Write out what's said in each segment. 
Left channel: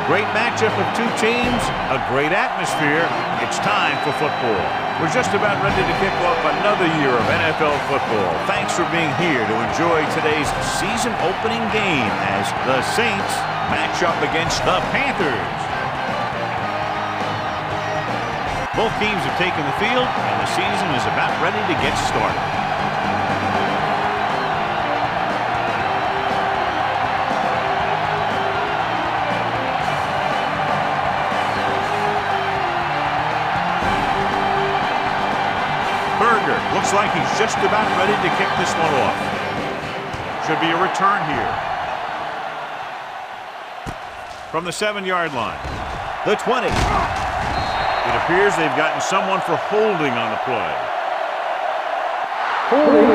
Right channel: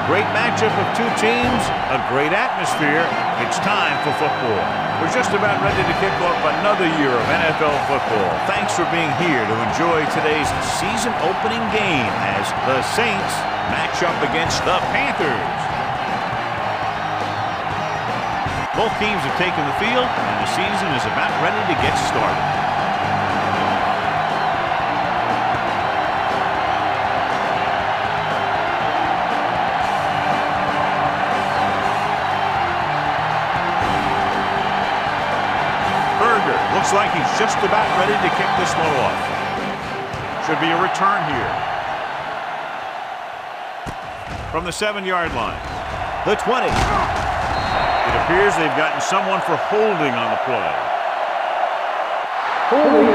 A great matchup of two teams, a great atmosphere. It's time for football. We're just about ready to kick off another year of NFL football. Thanks for being here to enjoy today's season opening game as the Saints match up against the Panthers. Both teams have taken the field, and the season is about ready to get started. Berger looks like he's just about ready to kick this one off. Should be a return here. From the 7-yard line. The 20. It appears they've gotten someone for holding on the play. Holding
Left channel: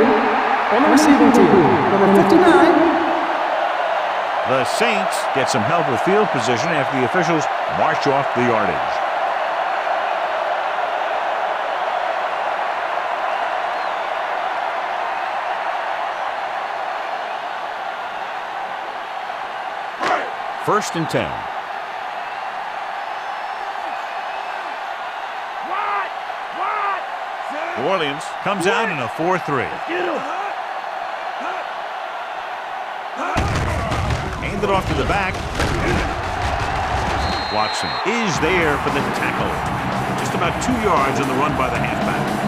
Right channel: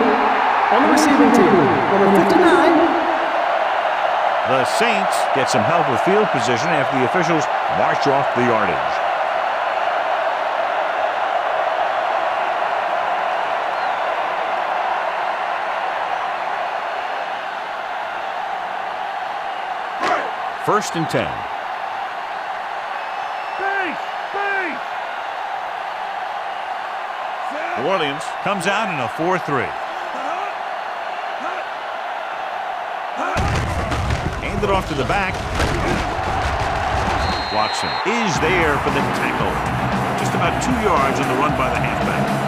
on the receiving team, number 59. The Saints get some help with field position after the officials march off the yardage. First and 10. New Orleans comes out in a 4-3. Hand it off to the back. Watson is there for the tackle. Just about 2 yards on the run by the halfback.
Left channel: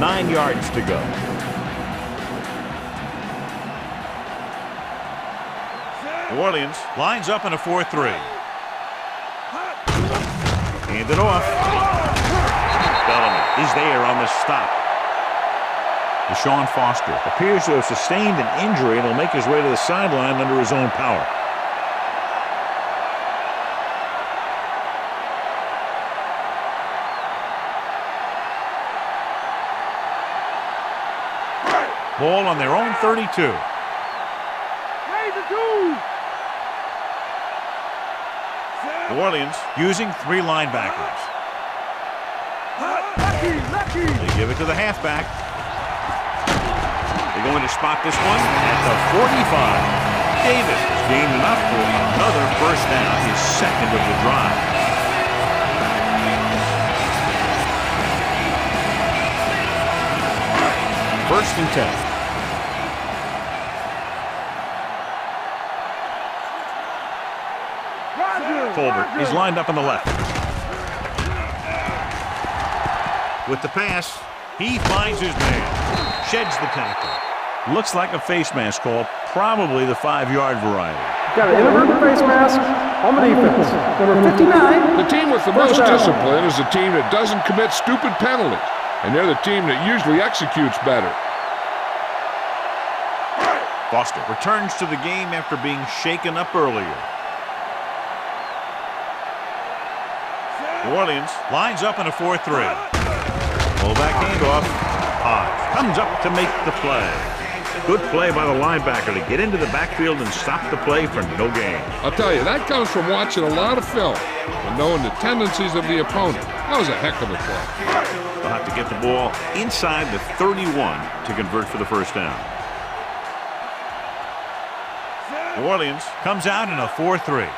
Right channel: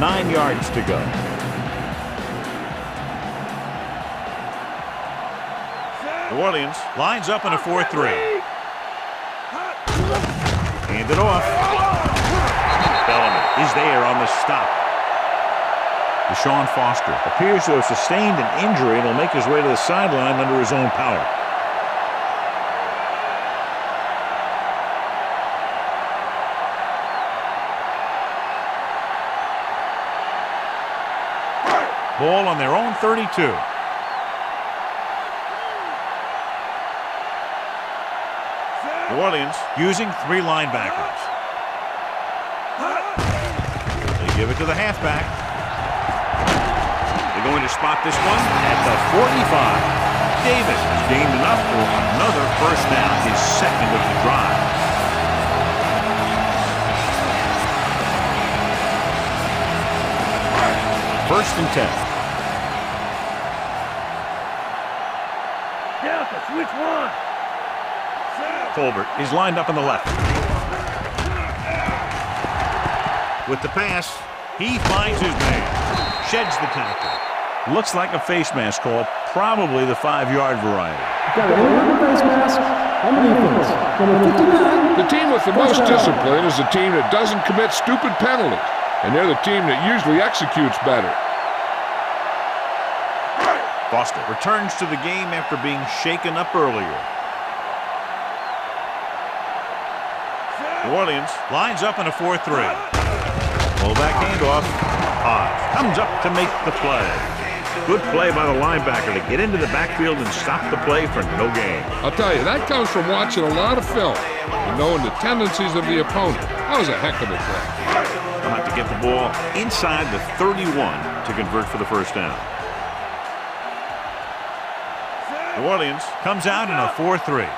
Nine yards to go. New Orleans lines up in a 4-3. Hand it off. Bellamy is there on the stop. Deshaun Foster appears to have sustained an injury and will make his way to the sideline under his own power. Ball on their own 32. New Orleans using 3 linebackers. They give it to the halfback. They're going to spot this one at the 45. Davis has gained enough for another first down, his second of the drive. First and 10. Colbert is lined up on the left. With the pass, he finds his man. Sheds the tackle. Looks like a face mask call, probably the 5-yard variety. Got a face mask on the defense. Number 59. The team with the most discipline is the team that doesn't commit stupid penalties, and they're the team that usually executes better. Foster returns to the game after being shaken up earlier. New Orleans lines up in a 4-3. Fullback handoff. Hodge comes up to make the play. Good play by the linebacker to get into the backfield and stop the play for no gain. I'll tell you, that comes from watching a lot of film and knowing the tendencies of the opponent. That was a heck of a play. They'll have to get the ball inside the 31 to convert for the first down. New Orleans comes out in a 4-3.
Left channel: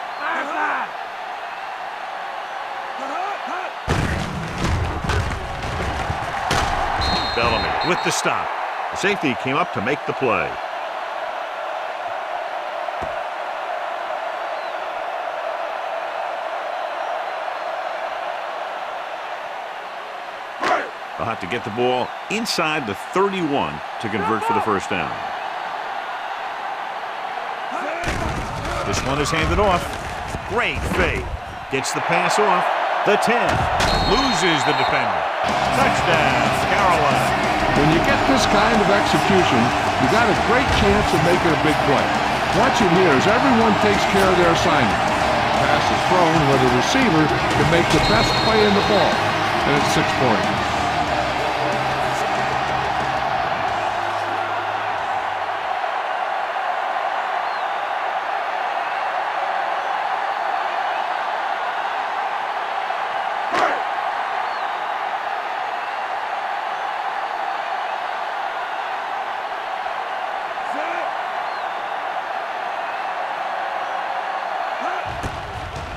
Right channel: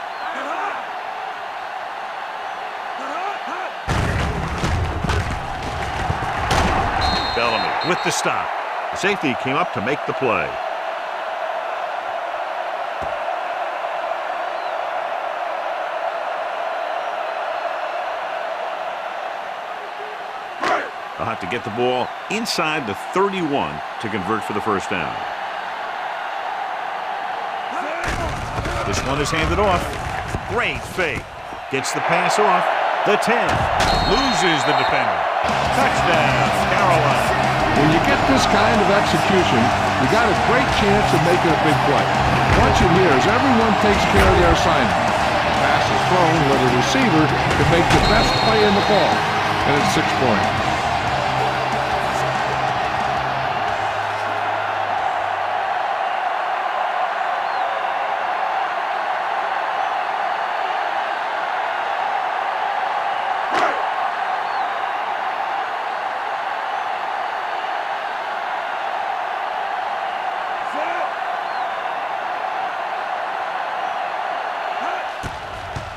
Bellamy with the stop. The safety came up to make the play. They'll have to get the ball inside the 31 to convert for the first down. This one is handed off. Great fake. Gets the pass off. The 10. Loses the defender. Touchdown, Carolina. When you get this kind of execution, you got a great chance of making a big play. Watch it here as everyone takes care of their assignment. The pass is thrown where the receiver can make the best play in the ball, and it's 6 points.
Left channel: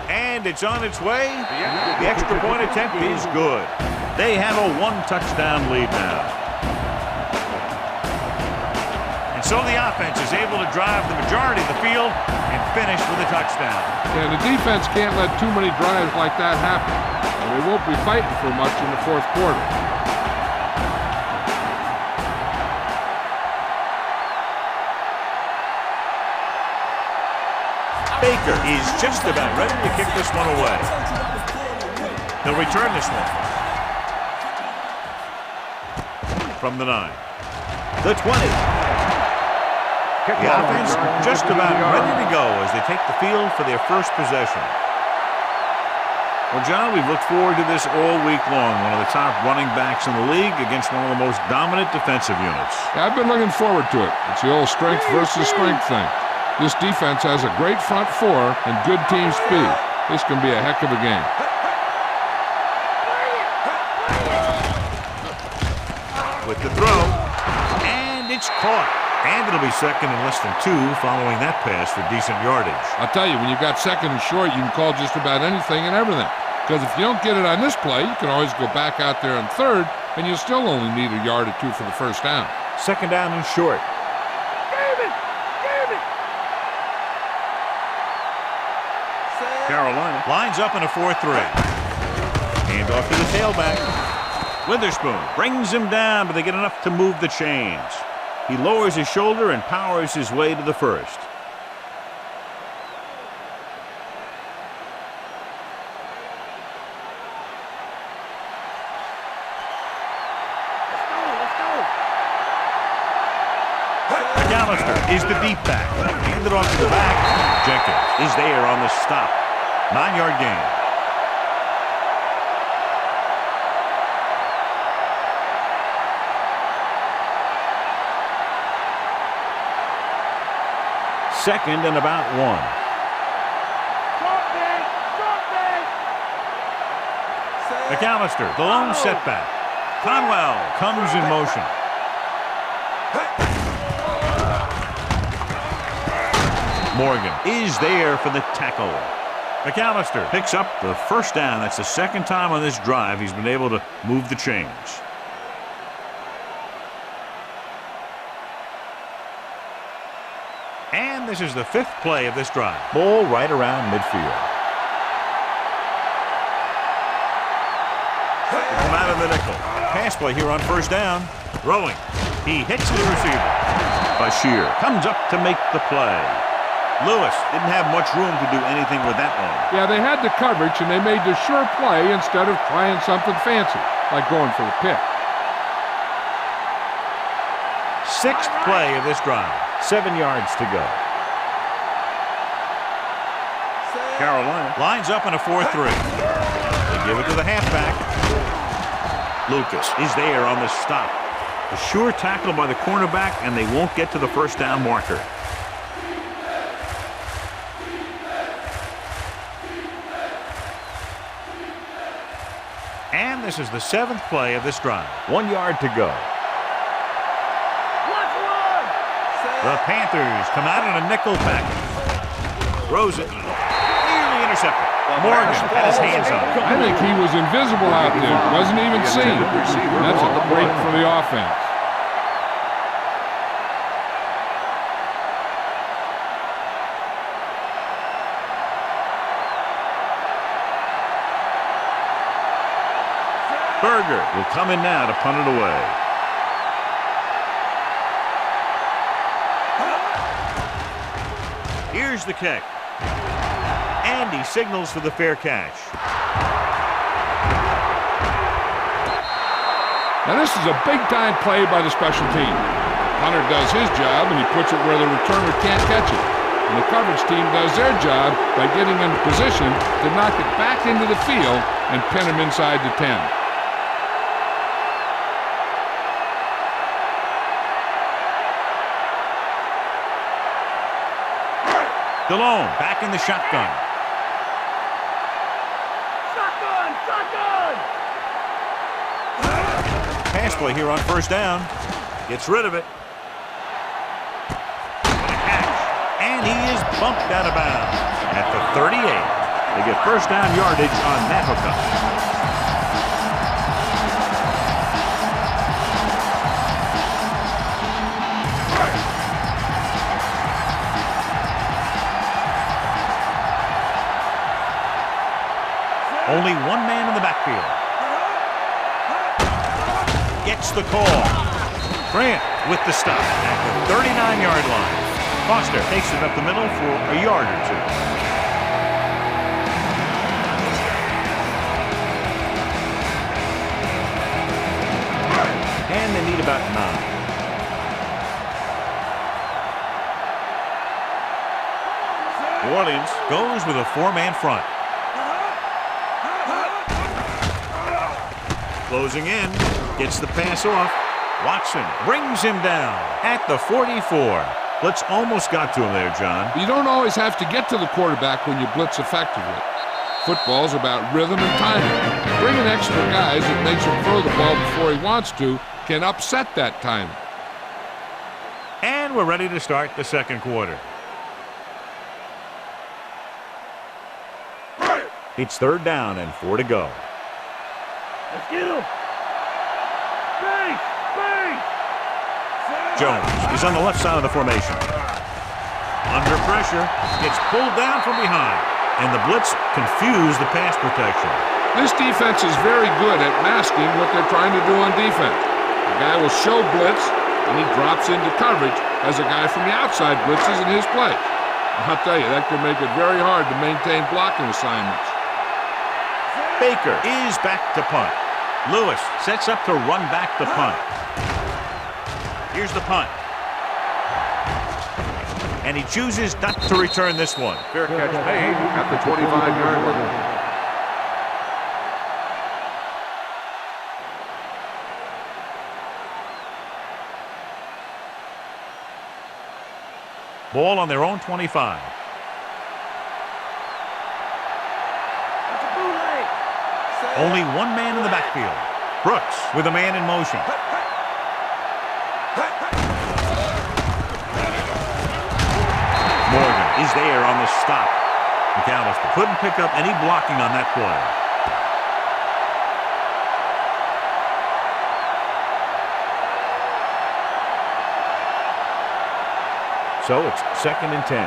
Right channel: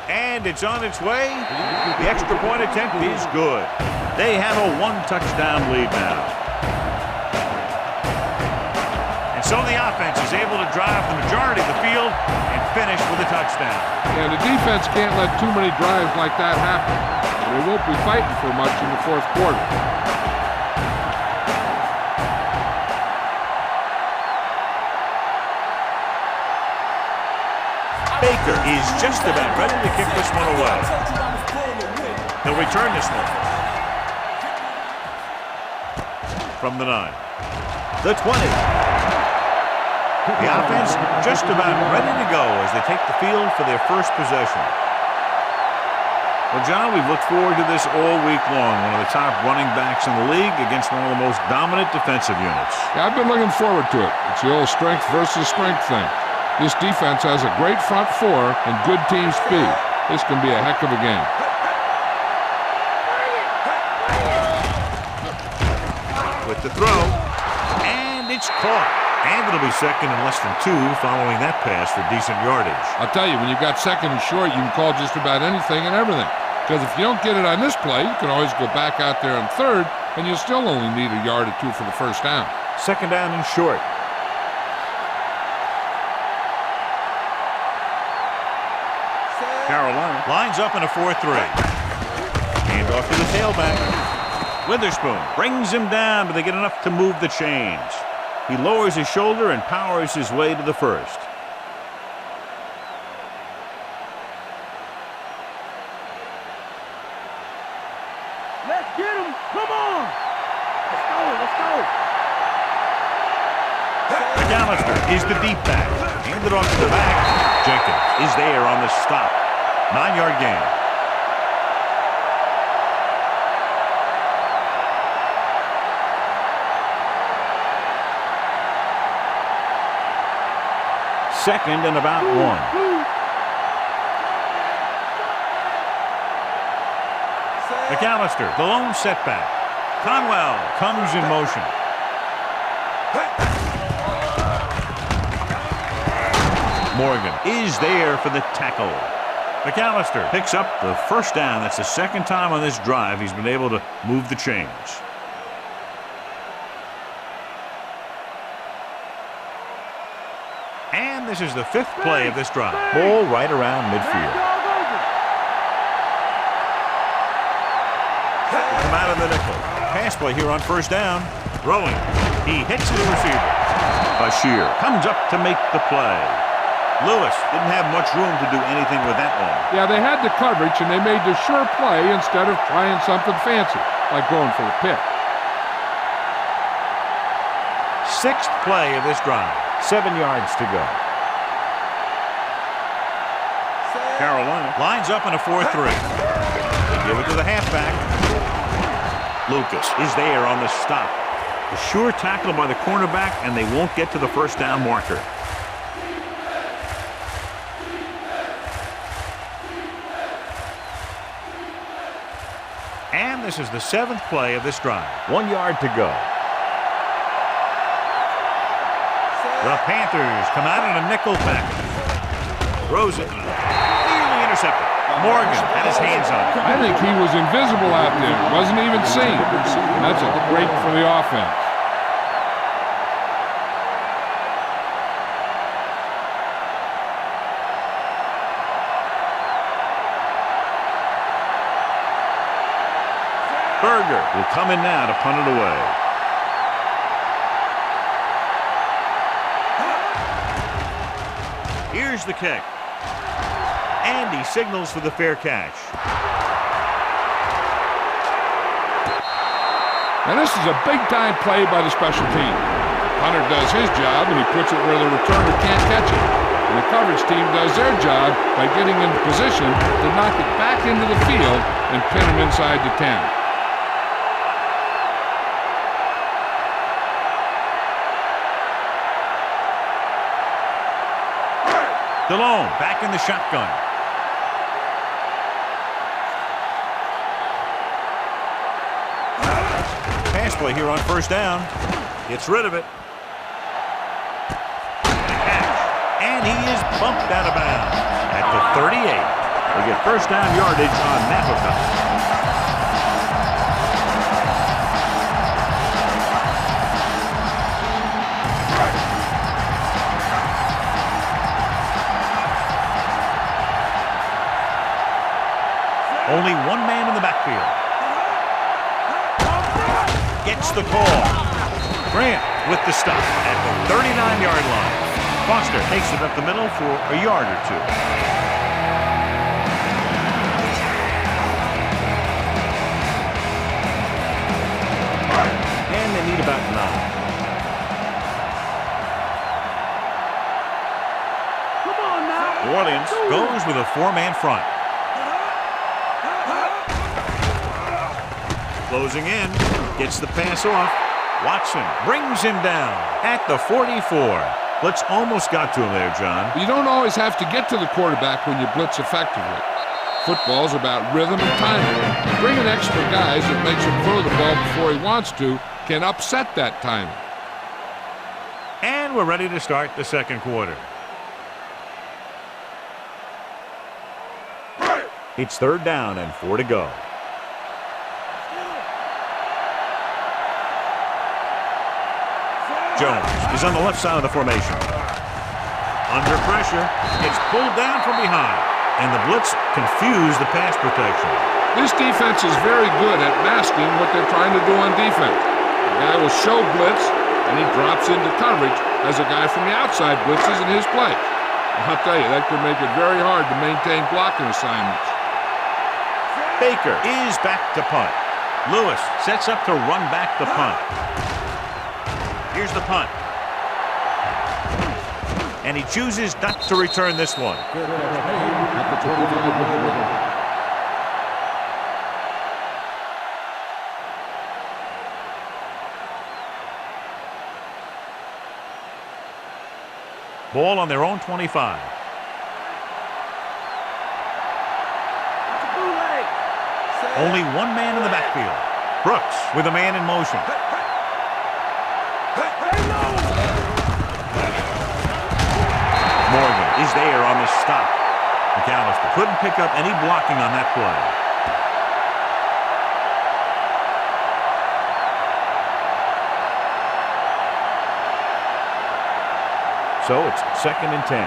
And it's on its way. The extra point attempt is good. They have a 1-touchdown lead now. And so the offense is able to drive the majority of the field and finish with a touchdown. Yeah, the defense can't let too many drives like that happen. Or they won't be fighting for much in the fourth quarter. Baker is just about ready to kick this one away. He'll return this one. From the 9. The 20. The offense just about ready to go as they take the field for their first possession. Well, John, we've looked forward to this all week long. One of the top running backs in the league against one of the most dominant defensive units. Yeah, I've been looking forward to it. It's the old strength versus strength thing. This defense has a great front four and good team speed. This can be a heck of a game. With the throw, and it's caught. And it'll be second and less than 2 following that pass for decent yardage. I'll tell you, when you've got second and short, you can call just about anything and everything. Because if you don't get it on this play, you can always go back out there on third, and you'll still only need a yard or 2 for the first down. Second down and short. Carolina lines up in a 4-3. Hand off to the tailback. Witherspoon brings him down, but they get enough to move the chains. He lowers his shoulder and powers his way to the first. Let's get him. Come on. Let's go. Let's go. McAllister is the deep back. Handed off to the back. Jenkins is there on the stop. 9-yard gain. Second and about 1. McAllister, the lone setback. Conwell comes in motion. Morgan is there for the tackle. McAllister picks up the first down. That's the second time on this drive he's been able to move the chains. And this is the 5th play of this drive. Ball right around midfield. They come out of the nickel. Pass play here on first down. Throwing. He hits his receiver. Bashir comes up to make the play. Lewis didn't have much room to do anything with that one. Yeah, they had the coverage, and they made the sure play instead of trying something fancy, like going for the pick. 6th play of this drive. 7 yards to go. Carolina lines up in a 4-3. They give it to the halfback. Lucas is there on the stop. A sure tackle by the cornerback, and they won't get to the first down marker. And this is the 7th play of this drive. 1 yard to go. The Panthers come out in a nickel package. Throws it. Nearly intercepted. Morgan had his hands on it. I think he was invisible out there. Wasn't even seen. That's a break for the offense. Berger will come in now to punt it away. Here's the kick. And he signals for the fair catch. Now this is a big-time play by the special team. The punter does his job, and he puts it where the returner can't catch it. And the coverage team does their job by getting into position to knock it back into the field and pin him inside the 10. DeLone back in the shotgun. Pass play here on first down. Gets rid of it. What a catch. And he is bumped out of bounds at the 38. They get first down yardage on that hookup. Only one man in the backfield. Gets the call. Grant with the stop at the 39-yard line. Foster takes it up the middle for a yard or two. And they need about 9. New Orleans goes with a 4-man front. Closing in, gets the pass off. Watson brings him down at the 44. Blitz almost got to him there, John. You don't always have to get to the quarterback when you blitz effectively. Football's about rhythm and timing. Bringing extra guys that makes him throw the ball before he wants to can upset that timing. And we're ready to start the second quarter. It's 3rd down and 4 to go. Jones is on the left side of the formation. Under pressure, gets pulled down from behind, and the blitz confused the pass protection. This defense is very good at masking what they're trying to do on defense. The guy will show blitz, and he drops into coverage as a guy from the outside blitzes in his place. I'll tell you, that could make it very hard to maintain blocking assignments. Baker is back to punt. Lewis sets up to run back the punt. Here's the punt. And he chooses not to return this one. Fair catch made at the 25-yard line. Ball on their own 25. Only one man in the backfield. Brooks with a man in motion. Morgan is there on the stop. McAllister couldn't pick up any blocking on that play. So it's 2nd and 10.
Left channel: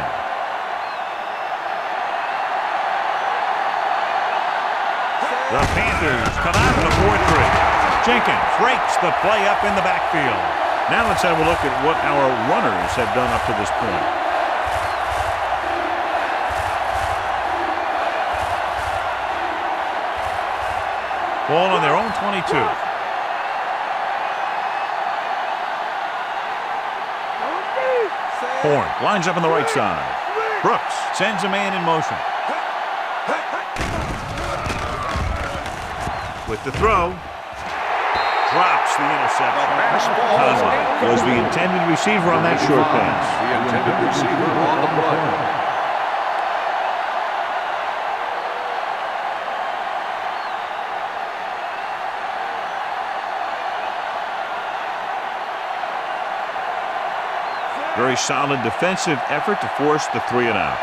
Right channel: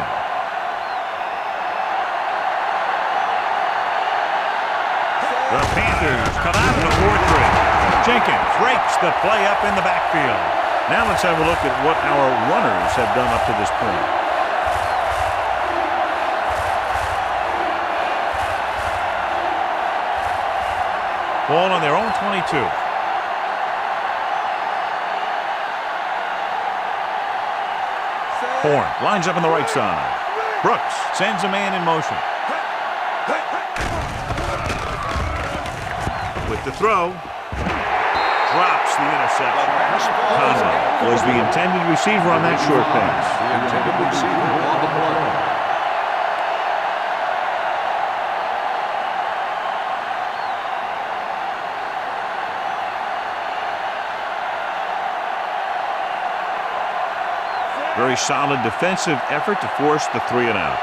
The Panthers come out in a 4-3. Jenkins breaks the play up in the backfield. Now let's have a look at what our runners have done up to this point. Ball on their own 22. Horn lines up on the right side. Brooks sends a man in motion. With the throw. Drops the interception. Conlon was the intended receiver on that short pass. The intended receiver on the play. Very solid defensive effort to force the 3-and-out.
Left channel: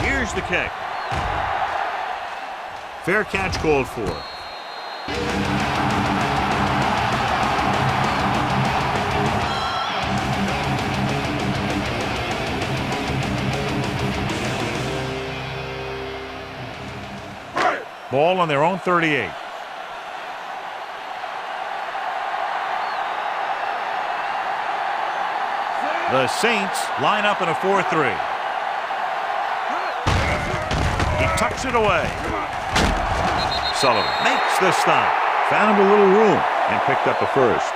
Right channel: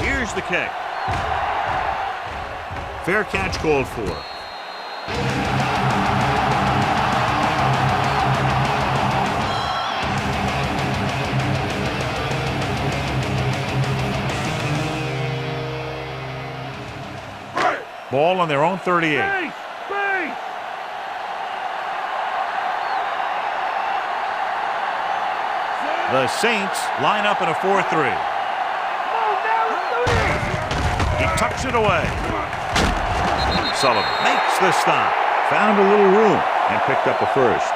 Here's the kick. Fair catch called for. Ball on their own 38. The Saints line up in a 4-3. He tucks it away. Sullivan makes the stop. Found a little room and picked up a first.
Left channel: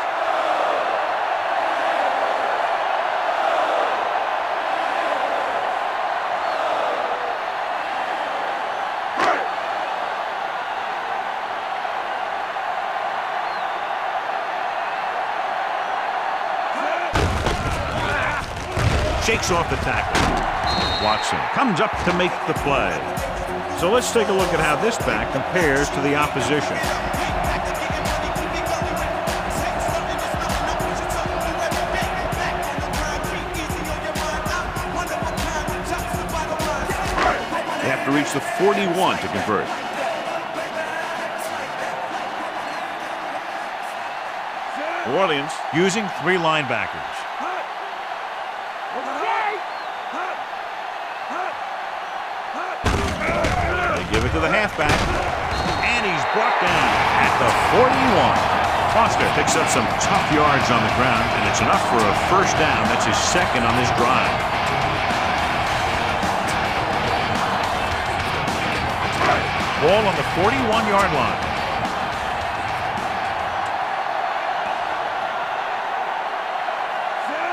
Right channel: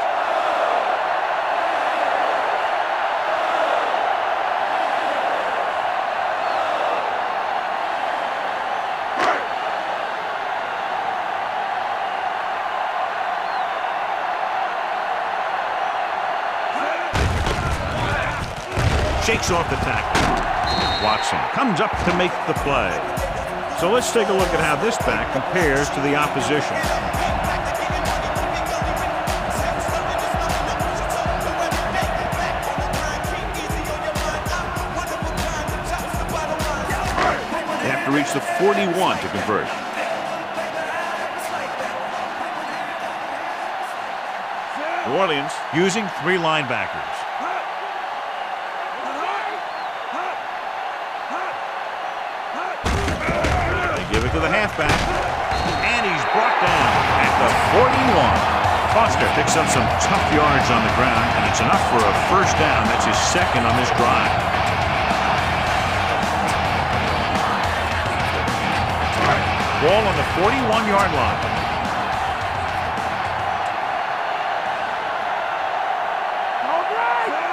Shakes off the tackle. Watson comes up to make the play. So let's take a look at how this back compares to the opposition. They have to reach the 41 to convert. New Orleans using 3 linebackers. They give it to the halfback, and he's brought down at the 41. Foster picks up some tough yards on the ground, and it's enough for a first down. That's his second on this drive. Ball on the 41-yard line.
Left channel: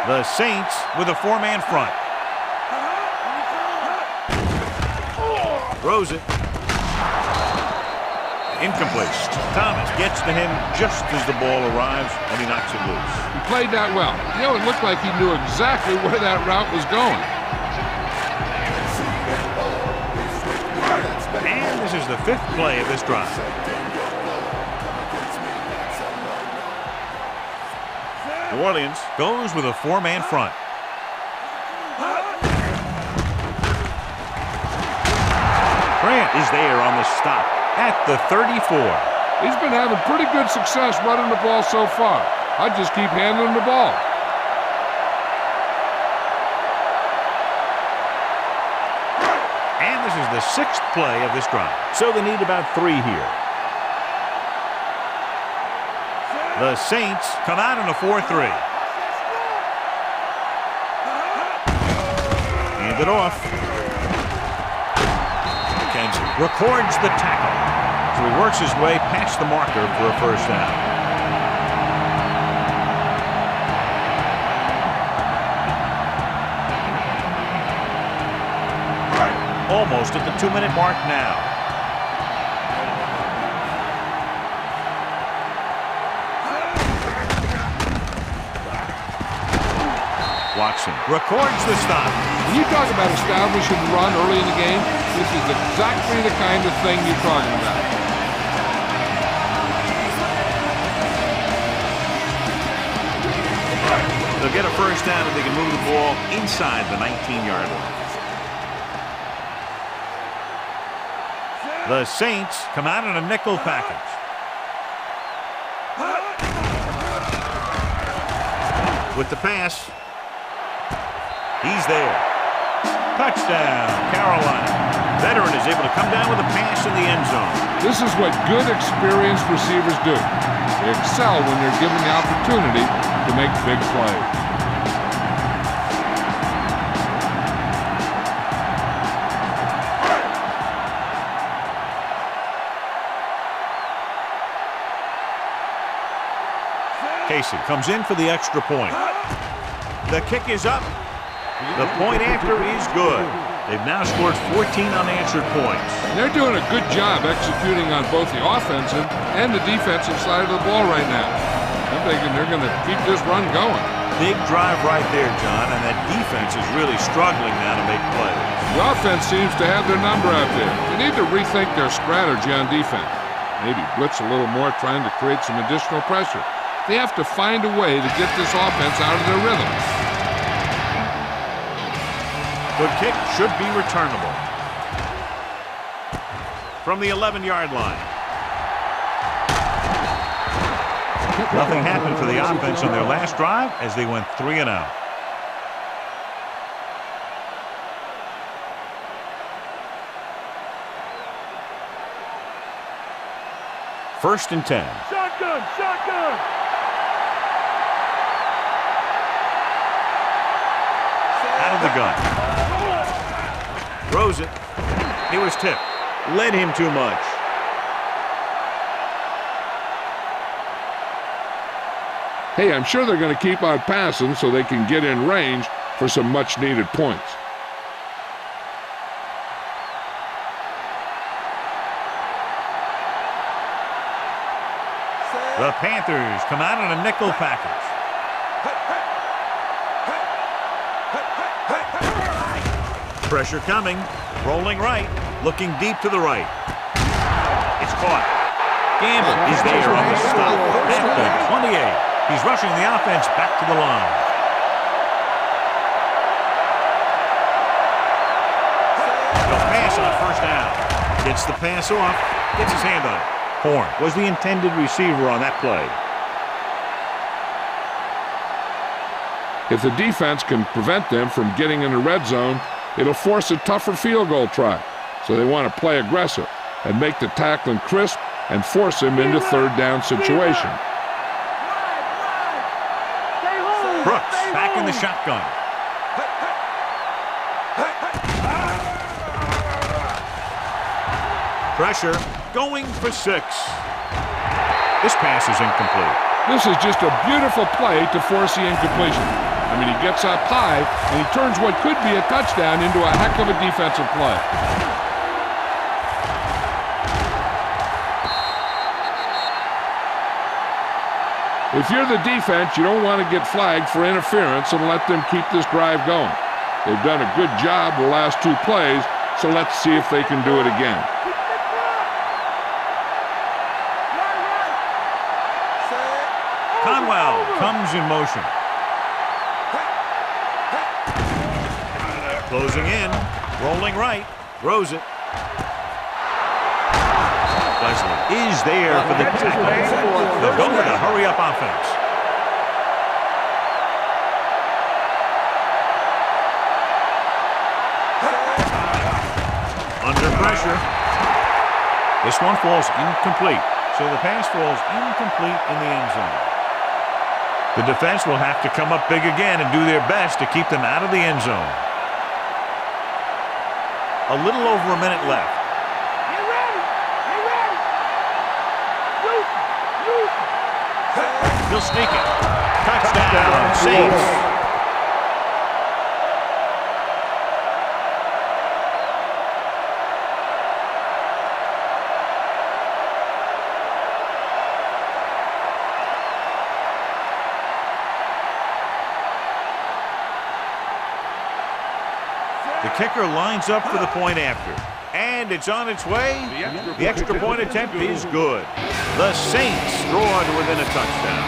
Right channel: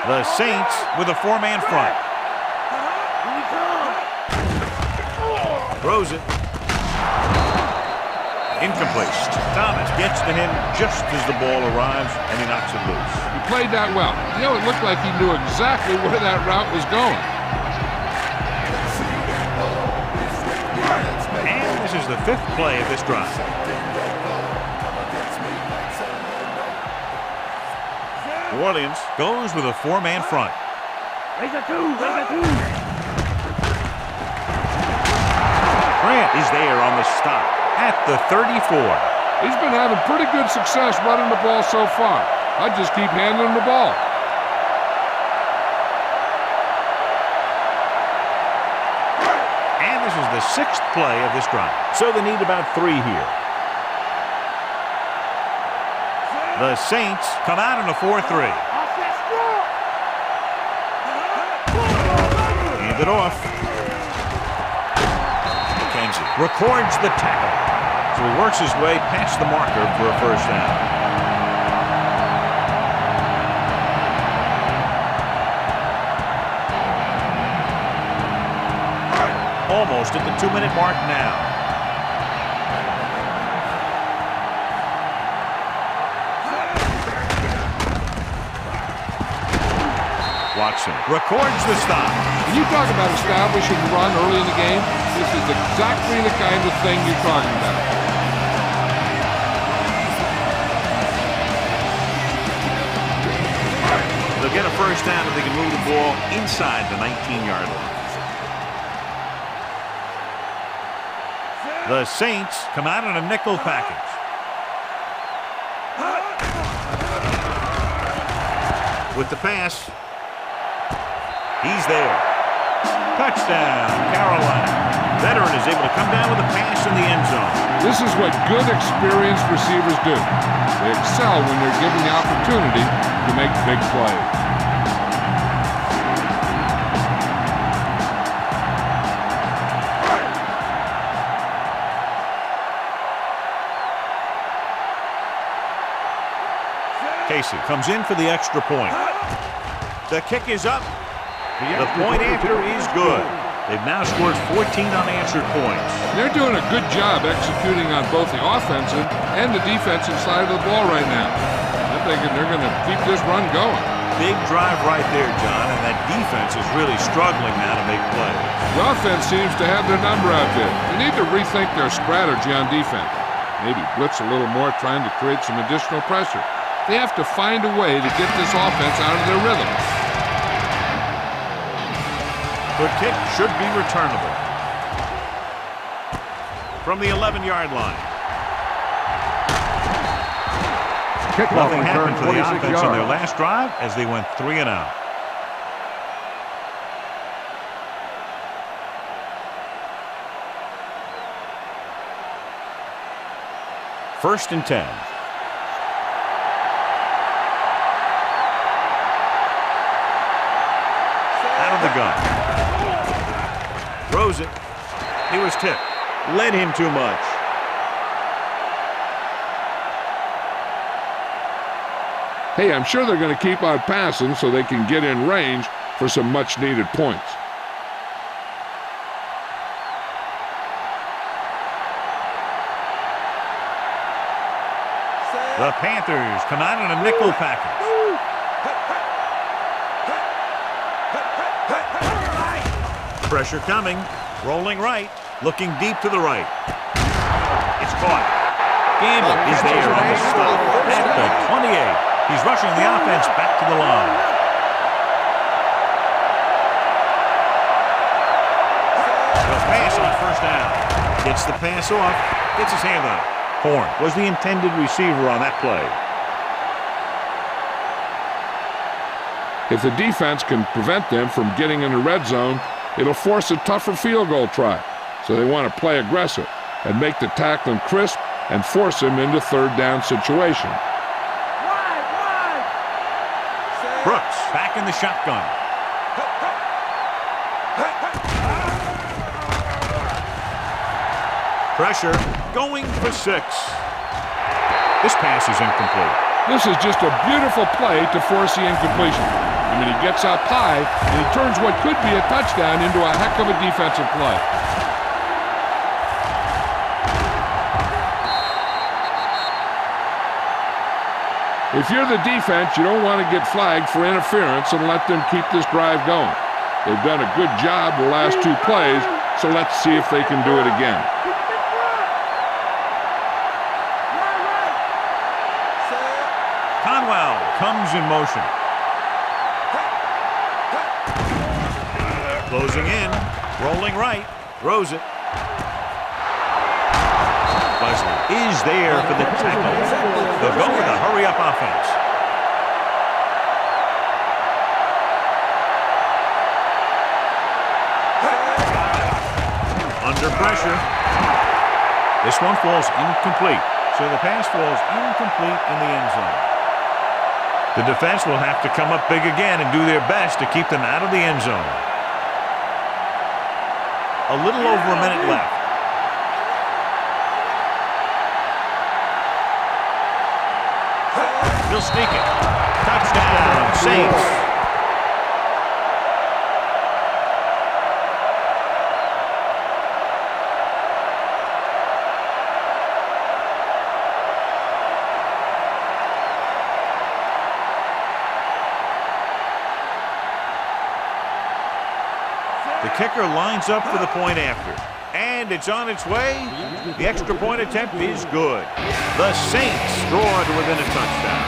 The Saints with a 4-man front. Throws it. Incomplete. Thomas gets to him just as the ball arrives, and he knocks it loose. He played that well. You know, it looked like he knew exactly where that route was going. And this is the 5th play of this drive. New Orleans goes with a 4-man front. Grant is there on the stop at the 34. He's been having pretty good success running the ball so far. I just keep handing him the ball. And this is the 6th play of this drive. So they need about 3 here. The Saints come out in a 4-3. Hand it off. Kenzie records the tackle. So he works his way past the marker for a first down. Almost at the 2-minute mark now. Watson records the stop. When you talk about establishing the run early in the game, this is exactly the kind of thing you're talking about. They'll get a first down if they can move the ball inside the 19-yard line. The Saints come out in a nickel package. With the pass. He's there. Touchdown, Carolina. Veteran is able to come down with a pass in the end zone. This is what good, experienced receivers do. They excel when they're given the opportunity to make big plays. Casey comes in for the extra point. The kick is up. The point after is good. They've now scored 14 unanswered points. They're doing a good job executing on both the offensive and the defensive side of the ball right now. I'm thinking they're going to keep this run going. Big drive right there, John, and that defense is really struggling now to make plays. The offense seems to have their number out there. They need to rethink their strategy on defense. Maybe blitz a little more, trying to create some additional pressure. They have to find a way to get this offense out of their rhythm. The kick should be returnable. From the 11-yard line. Nothing happened for the offense on their last drive as they went 3 and out. First and 10. Out of the gun. Throws it. He was tipped. Led him too much. Hey, I'm sure they're going to keep on passing so they can get in range for some much-needed points. The Panthers come out in a nickel package. Pressure coming. Rolling right. Looking deep to the right. It's caught. Gamble is there on the stop at the 28. He's rushing the offense back to the line. He'll pass on first down. Gets the pass off. Gets his hand on it. Horn was the intended receiver on that play. If the defense can prevent them from getting in the red zone, it'll force a tougher field goal try. So they want to play aggressive and make the tackling crisp and force him into third down situation. Brooks back in the shotgun. Pressure going for 6. This pass is incomplete. This is just a beautiful play to force the incompletion. I mean, he gets up high, and he turns what could be a touchdown into a heck of a defensive play. If you're the defense, you don't want to get flagged for interference and let them keep this drive going. They've done a good job the last 2 plays, so let's see if they can do it again. Conwell comes in motion. Closing in, rolling right, throws it. Lesnar is there for the tackle. They'll go with a hurry-up offense. Under pressure. This one falls incomplete. So the pass falls incomplete in the end zone. The defense will have to come up big again and do their best to keep them out of the end zone. A little over a minute left. He'll sneak it. Touchdown, Saints. The kicker lines up for the point after. And it's on its way. The extra point attempt is good. The Saints draw to within a touchdown.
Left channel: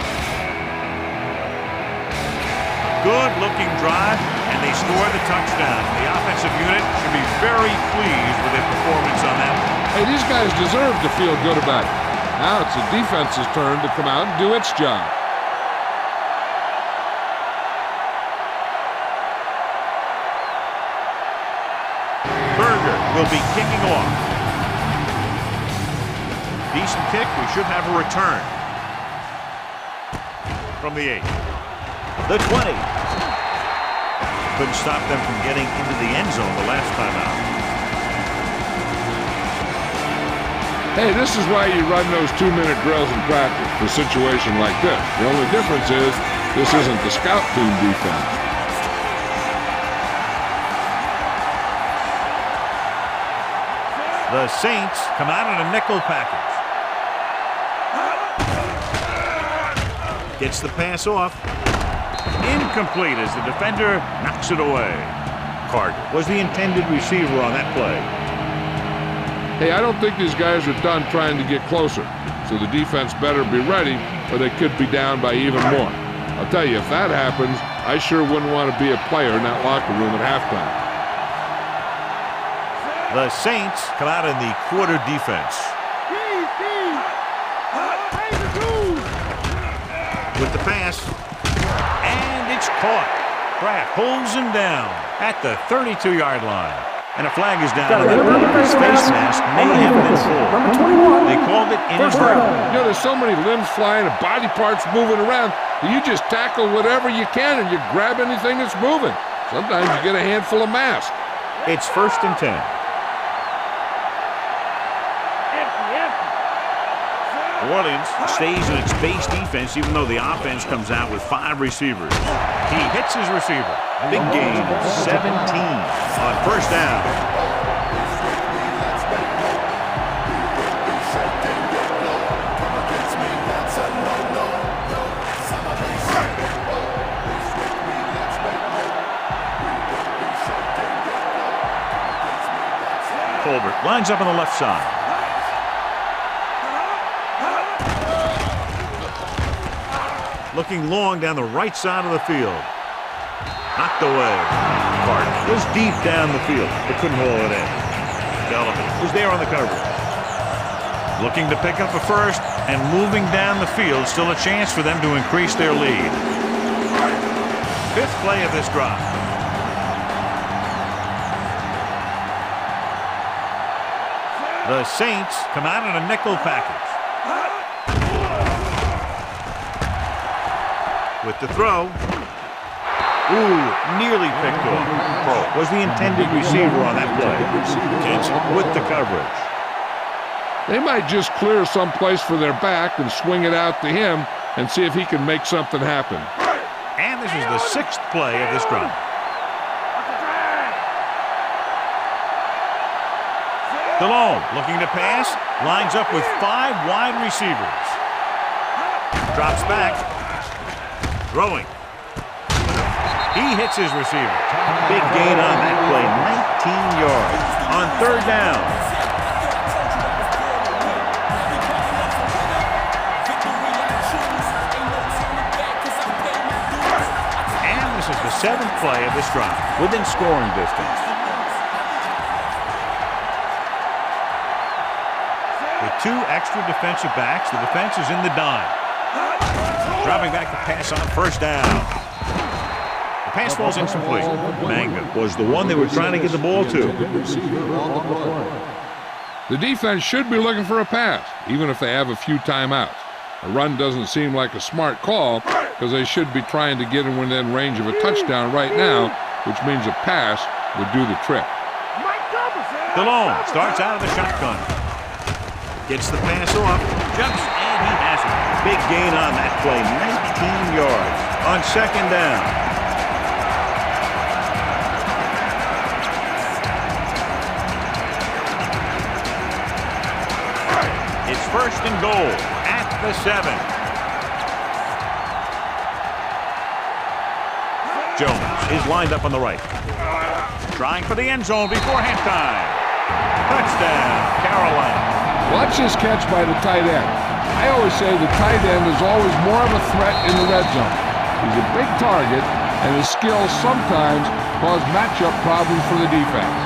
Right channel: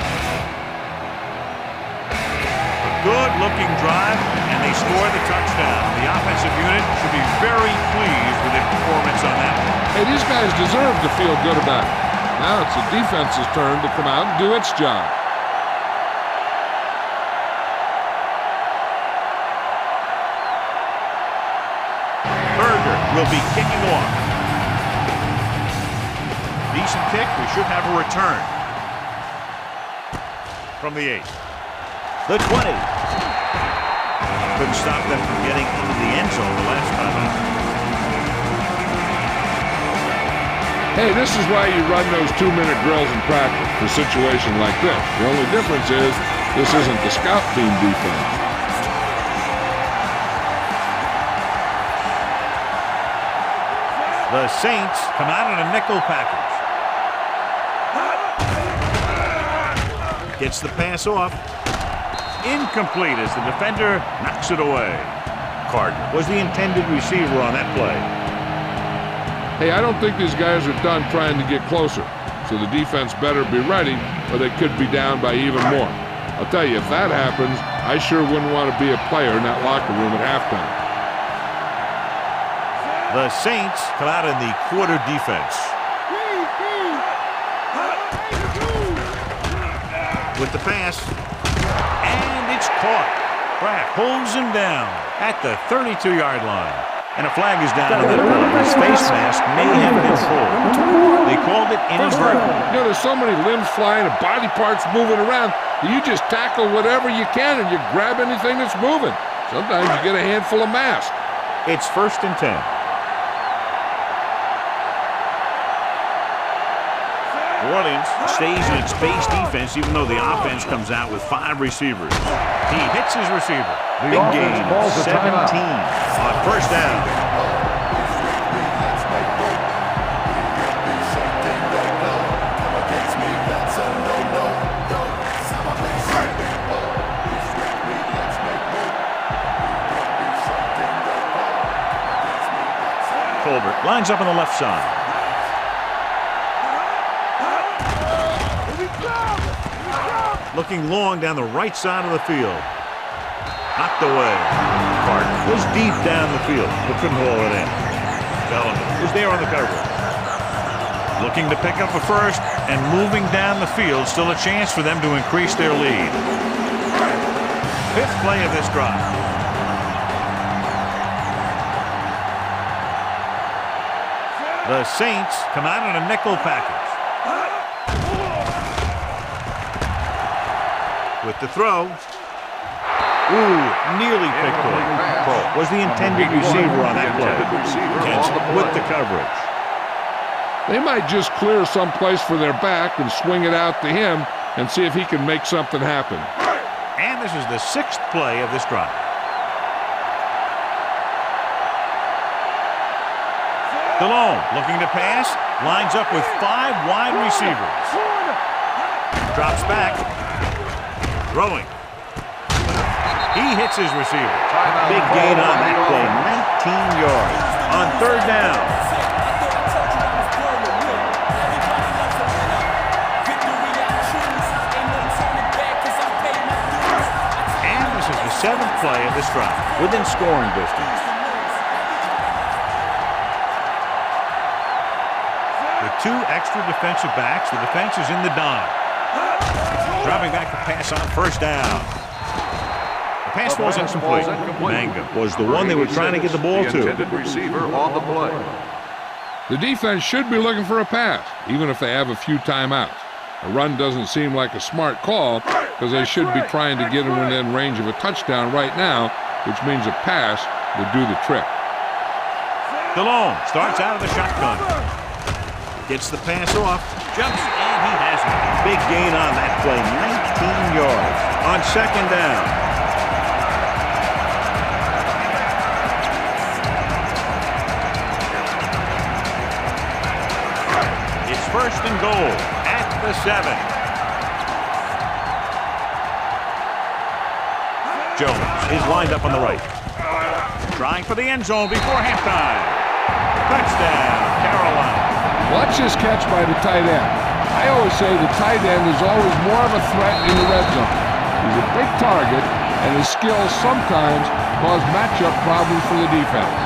A good-looking drive, and they score the touchdown. The offensive unit should be very pleased with their performance on that one. Hey, these guys deserve to feel good about it. Now it's the defense's turn to come out and do its job. Will be kicking off. Decent kick. We should have a return. From the 8. The 20. Couldn't stop them from getting into the end zone the last time out. Hey, this is why you run those 2-minute drills in practice for a situation like this. The only difference is this isn't the scout team defense. The Saints come out in a nickel package. Gets the pass off. Incomplete as the defender knocks it away. Carter was the intended receiver on that play. Hey, I don't think these guys are done trying to get closer, so the defense better be ready or they could be down by even more. I'll tell you, if that happens, I sure wouldn't want to be a player in that locker room at halftime. The Saints come out in the quarter defense. With the pass, and it's caught. Kraft pulls him down at the 32-yard line. And a flag is down on that play. His face mask may have been pulled. They called it inadvertent. You know, there's so many limbs flying and body parts moving around that you just tackle whatever you can and you grab anything that's moving. Sometimes you get a handful of mass. It's 1st and 10. New Orleans stays in its base defense even though the offense comes out with 5 receivers. He hits his receiver. Big gain of 17 on first down. Colbert lines up on the left side. Looking long down the right side of the field. Knocked away. Carter was deep down the field, but couldn't haul it in. Bellamy was there on the coverage. Looking to pick up a first and moving down the field. Still a chance for them to increase their lead. Fifth play of this drive. The Saints come out in a nickel package. With the throw. Ooh, nearly picked off. Was the intended receiver on that play. Kenson with the coverage. They might just clear some place for their back and swing it out to him and see if he can make something happen. And this is the sixth play of this drive. DeLone looking to pass, lines up with 5 wide receivers. Drops back, throwing. He hits his receiver. Big gain on that play, 19 yards on third down. And this is the seventh play of this drive, within scoring distance. With 2 extra defensive backs, the defense is in the dime. Dropping back to pass on first down. The pass falls incomplete. Mangum was the one they were trying to get the ball to. The defense should be looking for a pass, even if they have a few timeouts. A run doesn't seem like a smart call because they should be trying to get within range of a touchdown right now, which means a pass would do the trick. DeLone starts out of the shotgun. Gets the pass off, jumps, and he has it. Big gain on that play, 19 yards on second down. It's first and goal at the 7. Jones is lined up on the right. Trying for the end zone before halftime. Touchdown, Carolina. Watch this catch by the tight end. I always say the tight end is always more of a threat in the red zone. He's a big target, and his skills sometimes cause matchup problems for the defense.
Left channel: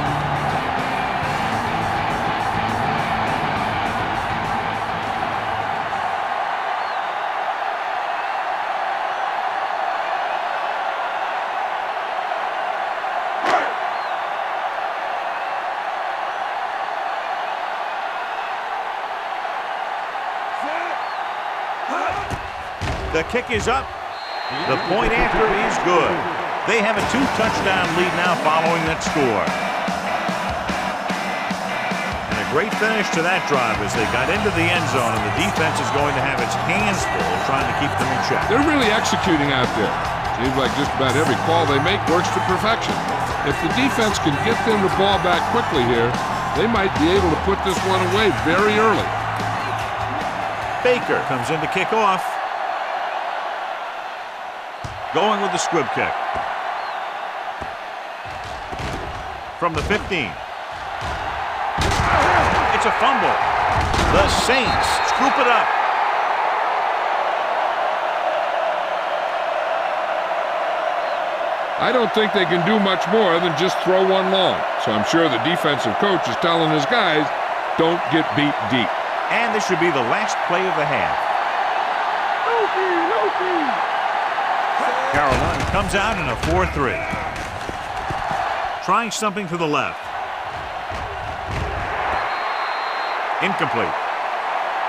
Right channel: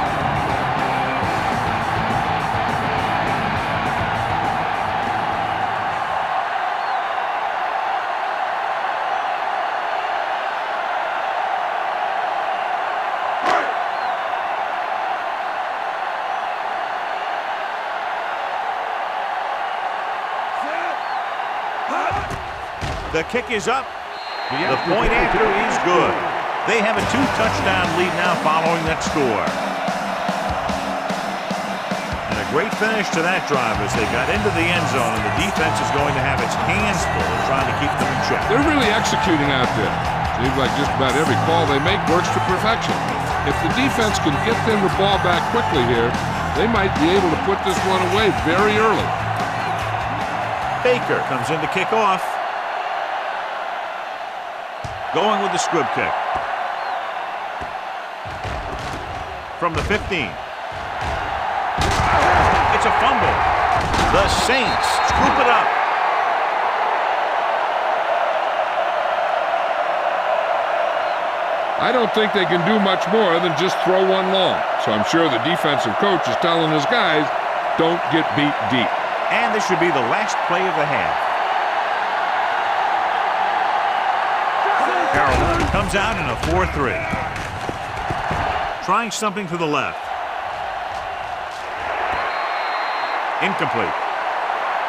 The kick is up. The point after is good. They have a 2-touchdown lead now following that score. And a great finish to that drive as they got into the end zone, and the defense is going to have its hands full trying to keep them in check. They're really executing out there. Seems like just about every call they make works to perfection. If the defense can get them the ball back quickly here, they might be able to put this one away very early. Baker comes in to kick off. Going with the squib kick. From the 15. It's a fumble. The Saints scoop it up. I don't think they can do much more than just throw one long. So I'm sure the defensive coach is telling his guys, don't get beat deep. And this should be the last play of the half. Carolina comes out in a 4-3. Trying something to the left. Incomplete.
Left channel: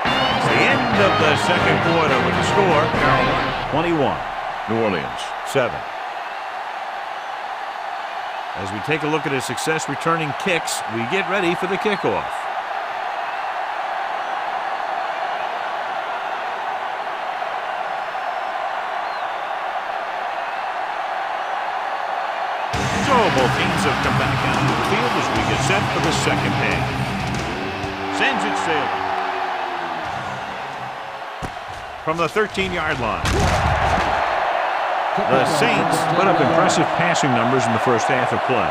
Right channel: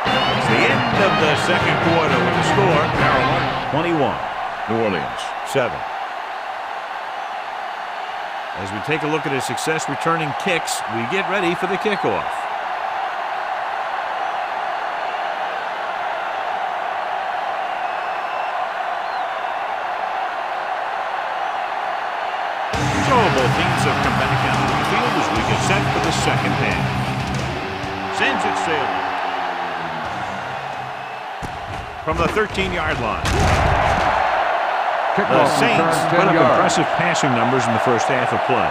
It's the end of the second quarter with the score. Carolina 21. New Orleans 7. As we take a look at his success returning kicks, we get ready for the kickoff. So both teams have come back out into the field as we get set for the second half. Sends it sailing. From the 13-yard line. The Saints put up impressive passing numbers in the first half of play.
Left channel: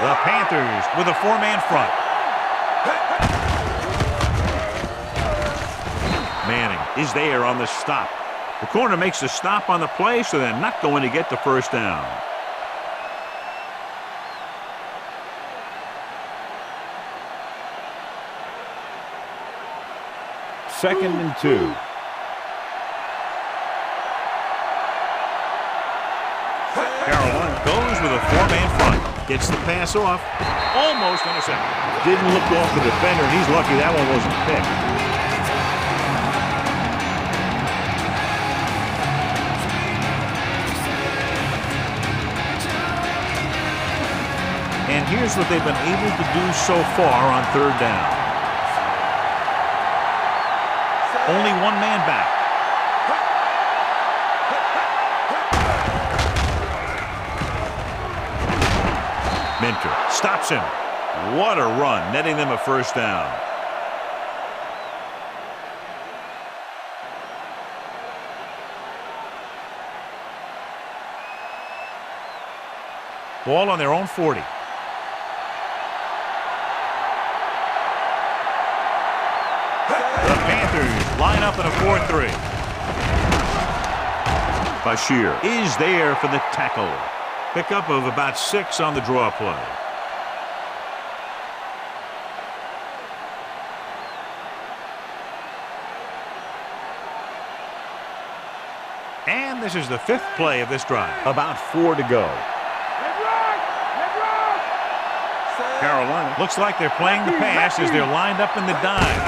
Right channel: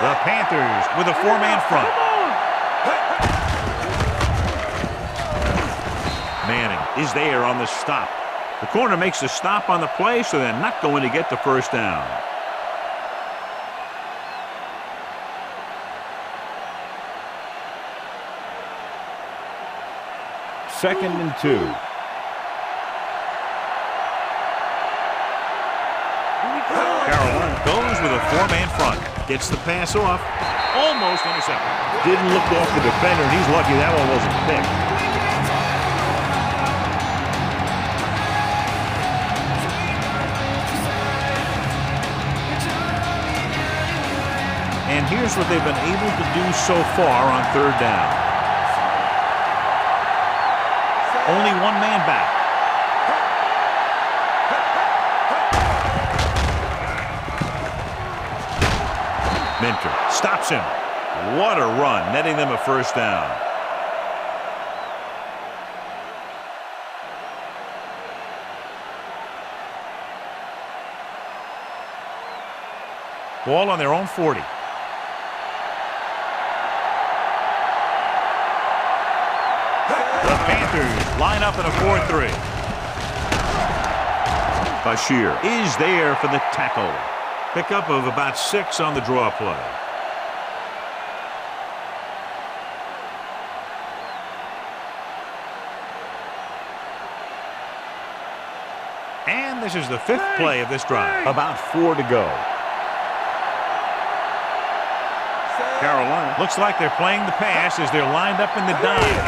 The Panthers with a 4-man front. Manning is there on the stop. The corner makes the stop on the play, so they're not going to get the first down. Second and 2. Carolina goes with a 4-man front. Gets the pass off. Almost intercepted. Didn't look off the defender, and he's lucky that one wasn't picked. And here's what they've been able to do so far on third down. Only one man back. Minter stops him. What a run, netting them a first down. Ball on their own 40. The Panthers line up in a 4-3. Bashir is there for the tackle. Pickup of about 6 on the draw play. And this is the 5th play of this drive. About 4 to go. Carolina looks like they're playing the pass as they're lined up in the dime.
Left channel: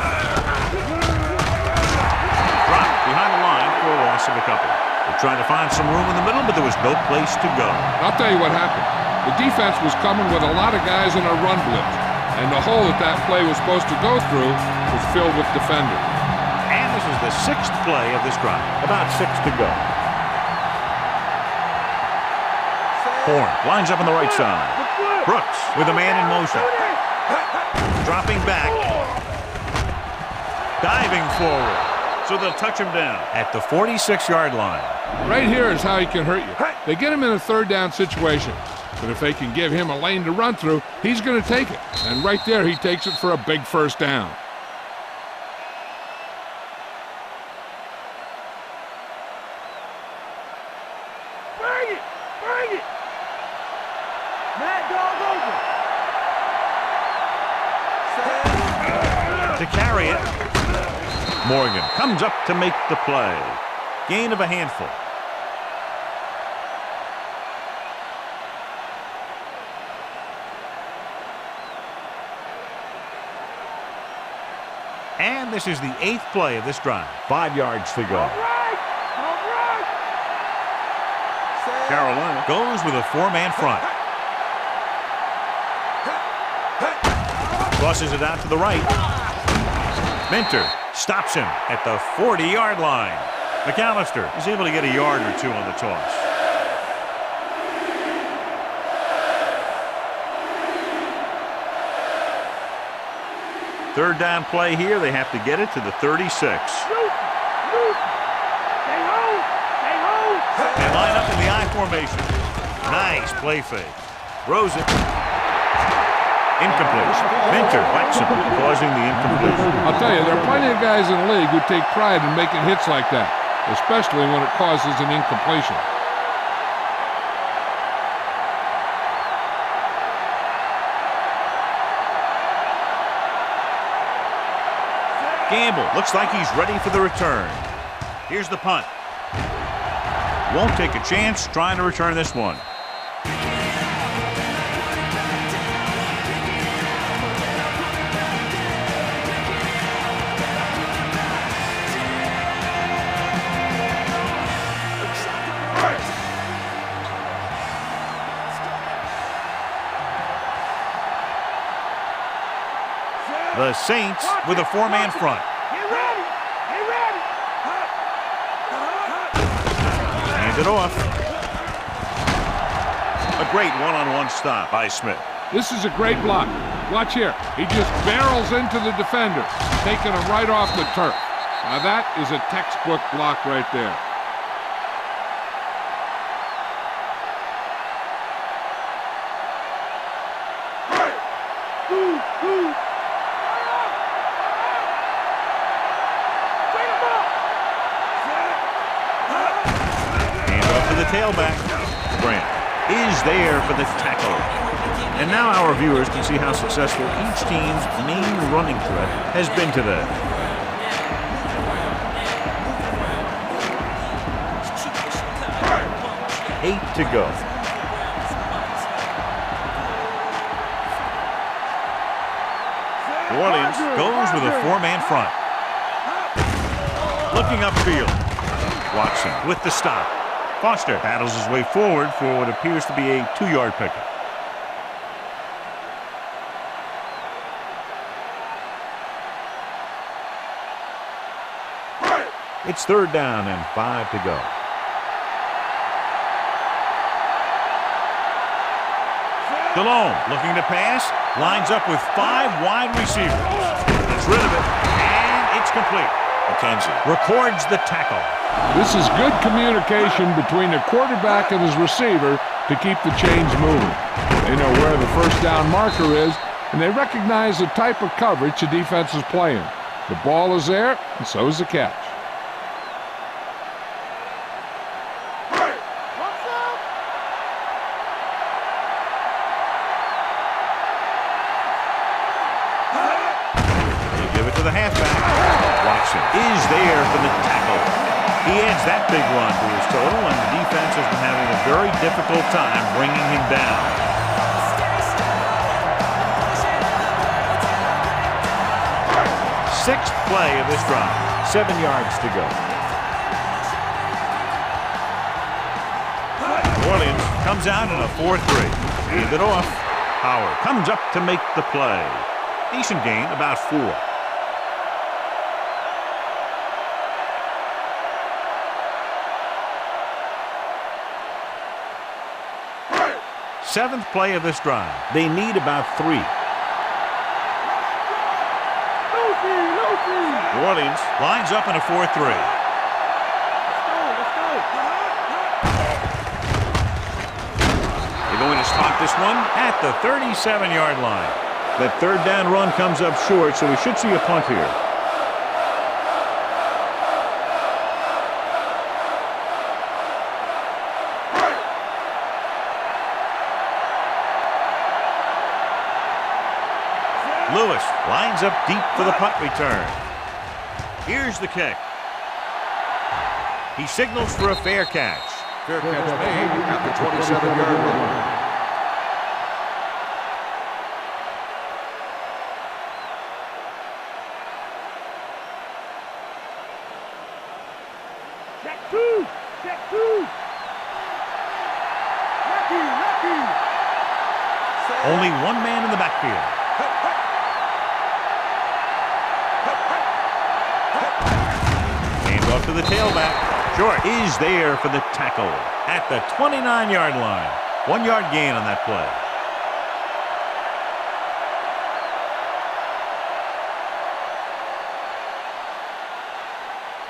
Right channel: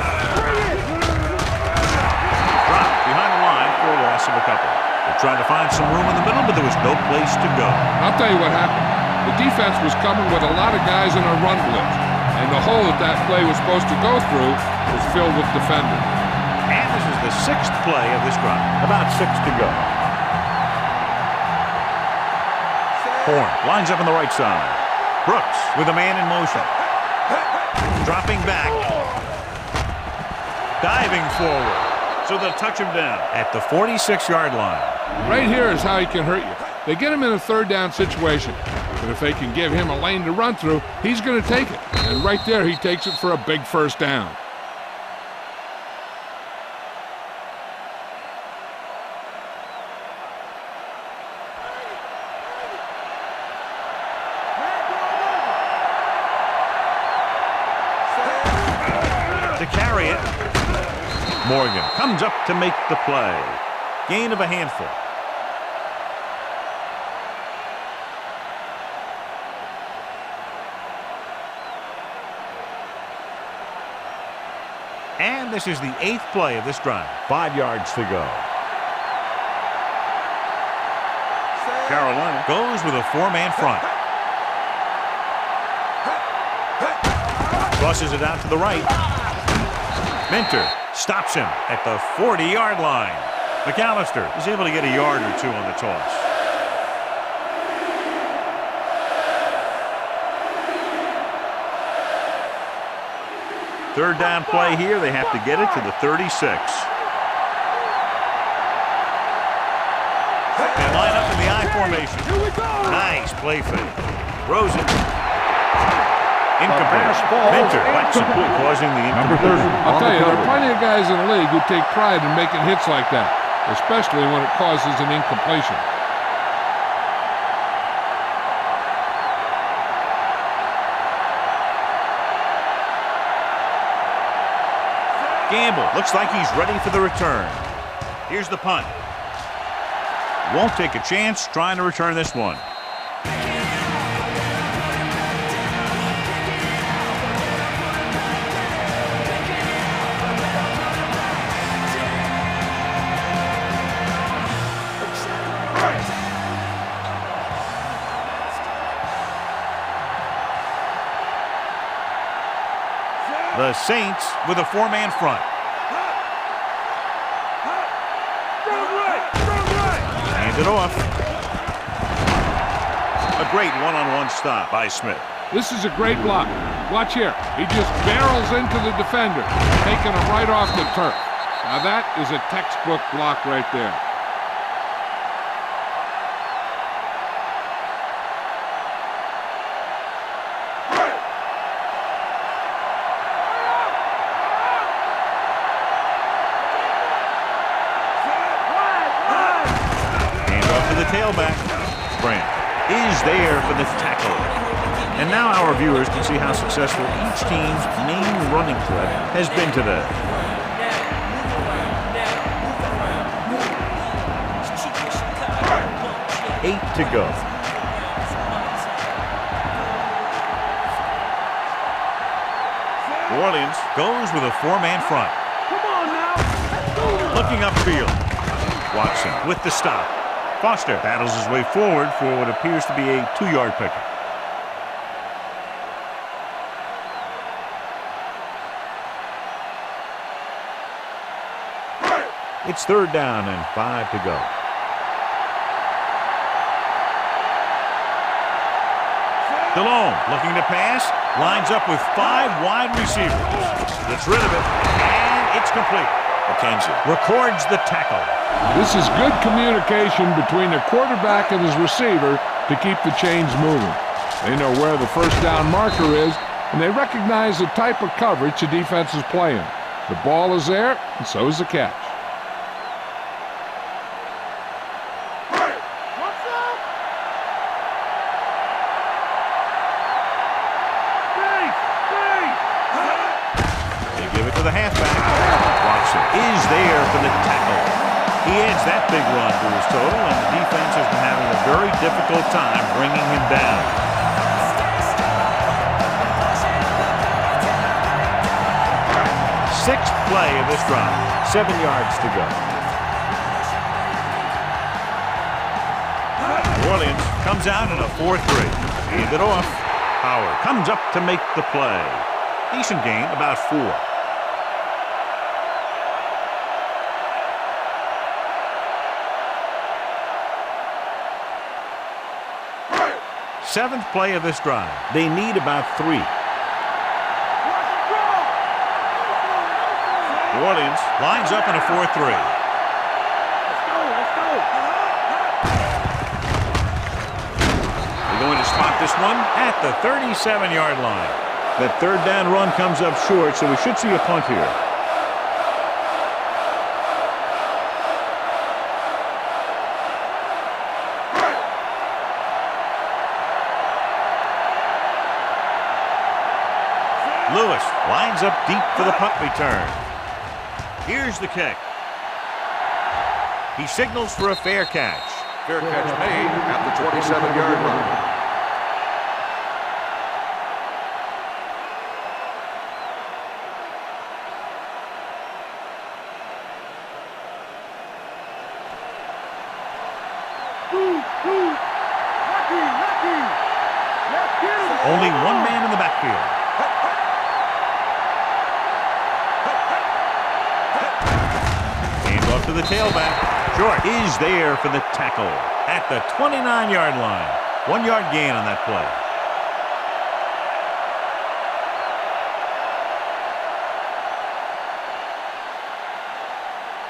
Dropped behind the line for a loss of a couple. They're trying to find some room in the middle, but there was no place to go. I'll tell you what happened. The defense was coming with a lot of guys in a run blitz, and the hole that play was supposed to go through was filled with defenders. And this is the 6th play of this drive. About 6 to go. Horn lines up on the right side. Brooks with a man in motion. Dropping back. Diving forward. So they'll touch him down at the 46-yard line. Right here is how he can hurt you. They get him in a third down situation. But if they can give him a lane to run through, he's going to take it. And right there, he takes it for a big first down. Bring it! Bring it! Mad dog over. To carry it. Morgan comes up to make the play. Gain of a handful. And this is the 8th play of this drive. 5 yards to go. Carolina goes with a 4-man front. Crosses it out to the right. Minter stops him at the 40-yard line. McAllister is able to get a yard or 2 on the toss. Third down play here. They have to get it to the 36. They line up in the I formation. Nice play fake. Throws it. Incomplete. Minter bites him, causing the incompletion. I'll tell you, there are plenty of guys in the league who take pride in making hits like that, especially when it causes an incompletion. Gamble looks like he's ready for the return. Here's the punt. Won't take a chance trying to return this one. The Saints with a 4-man front. Hand it off. A great one-on-one stop by Smith. This is a great block. Watch here. He just barrels into the defender, taking him right off the turf. Now that is a textbook block right there. tailback. Grant is there for the tackle. And now our viewers can see how successful each team's main running threat has been today. Eight to go. New Orleans goes with a four-man front. Looking upfield. Watson with the stop. Foster battles his way forward for what appears to be a 2-yard pickup. It's 3rd down and 5 to go. Delhomme looking to pass. Lines up with 5 wide receivers. Gets rid of it, and it's complete. McKenzie records the tackle. This is good communication between the quarterback and his receiver to keep the chains moving. They know where the first down marker is, and they recognize the type of coverage the defense is playing. The ball is there, and so is the catch. To the halfback. Watson is there for the tackle. He adds that big run to his total, and the defense has been having a very difficult time bringing him down. Sixth play of this drive. 7 yards to go. New Orleans comes out in a 4-3. Hand it off. Howard comes up to make the play. Decent gain, about 4. Seventh play of this drive. They need about 3. New Orleans lines up in a 4-3. Let's go. They're going to spot this one at the 37-yard line. That 3rd down run comes up short, so we should see a punt here. Lewis lines up deep for the punt return. Here's the kick. He signals for a fair catch. Fair catch made at the 27-yard line. Only one man in the backfield. Hand off to the tailback. Short is there for the tackle at the 29-yard line. 1-yard gain on that play.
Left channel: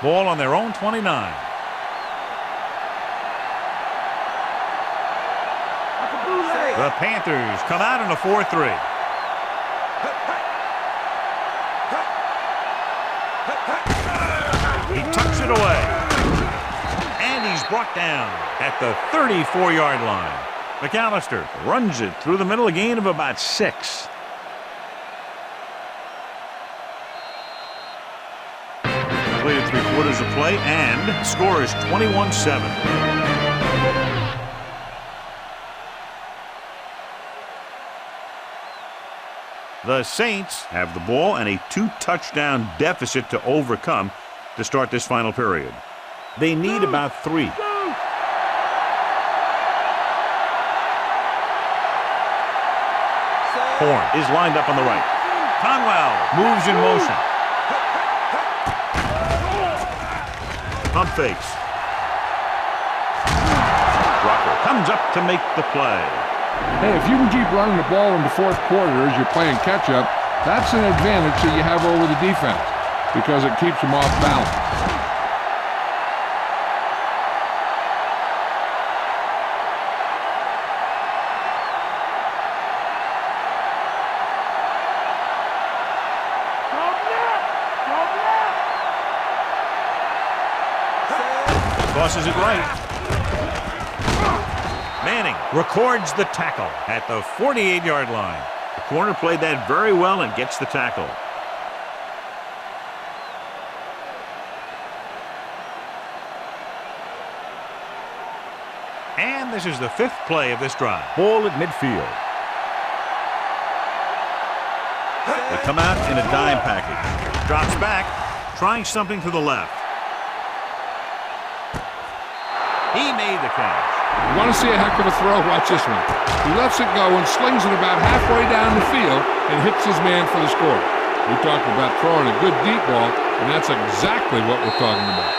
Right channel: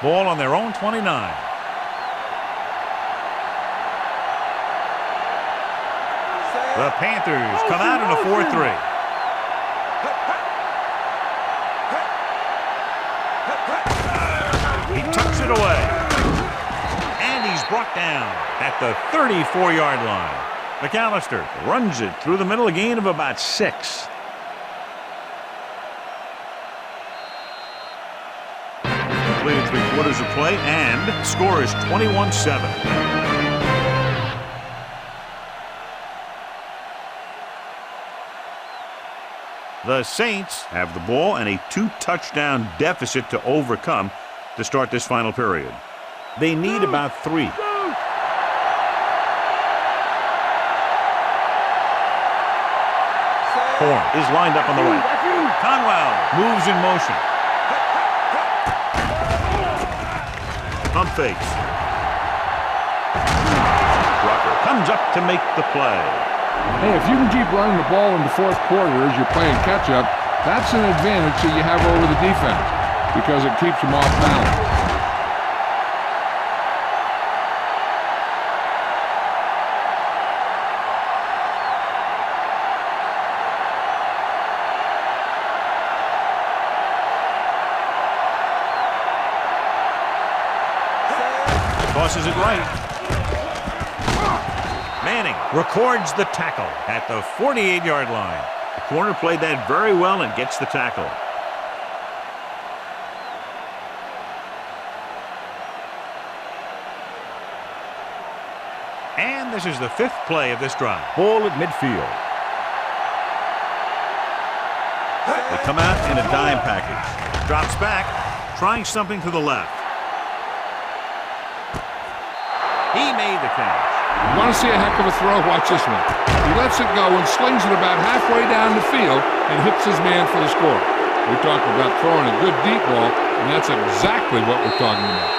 Ball on their own 29. The Panthers come out in a 4-3. He tucks it away. And he's brought down at the 34-yard line. McAllister runs it through the middle, a gain of about 6. Completed 3/4 of play, and the score is 21-7. The Saints have the ball and a 2-touchdown deficit to overcome to start this final period. They need about 3. Horn is lined up on the right. Conwell moves in motion. Pump fakes. Rucker comes up to make the play. Hey, if you can keep running the ball in the 4th quarter as you're playing catch-up, that's an advantage that you have over the defense because it keeps them off balance. Tosses it right. records the tackle at the 48-yard line. The corner played that very well and gets the tackle. And this is the 5th play of this drive. Ball at midfield. They come out in a dime package. Drops back, trying something to the left. He made the catch. You want to see a heck of a throw? Watch this one. He lets it go and slings it about halfway down the field and hits his man for the score. We talked about throwing a good deep ball, and that's exactly what we're talking about.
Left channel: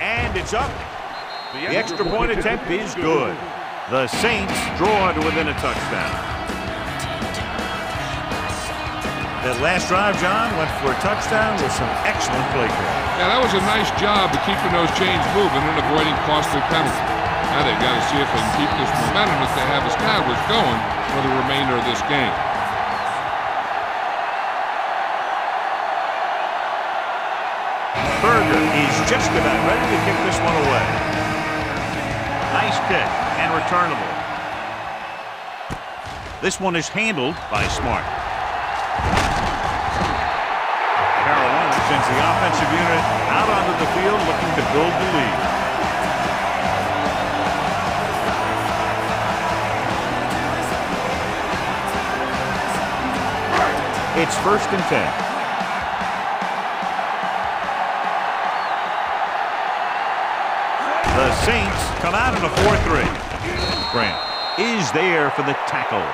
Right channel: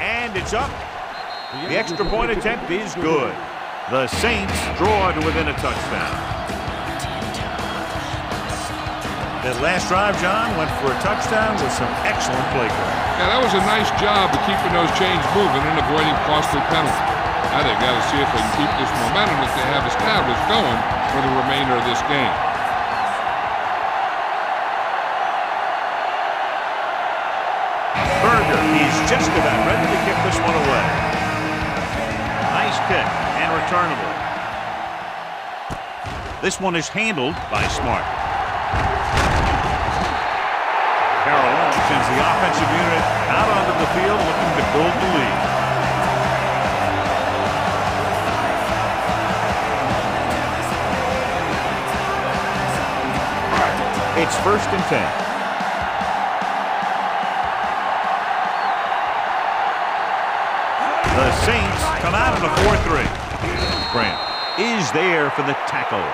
And it's up. The extra point attempt is good. The Saints draw to within a touchdown. That last drive, John, went for a touchdown with some excellent play calling. Yeah, that was a nice job of keeping those chains moving and avoiding costly penalties. Now they've got to see if they can keep this momentum that they have established going for the remainder of this game. Berger is just about ready to kick this one away. Nice kick and returnable. This one is handled by Smart. Carolina sends the offensive unit out onto the field looking to build the lead. It's 1st and 10. The Saints come out in a 4-3. Grant is there for the tackle.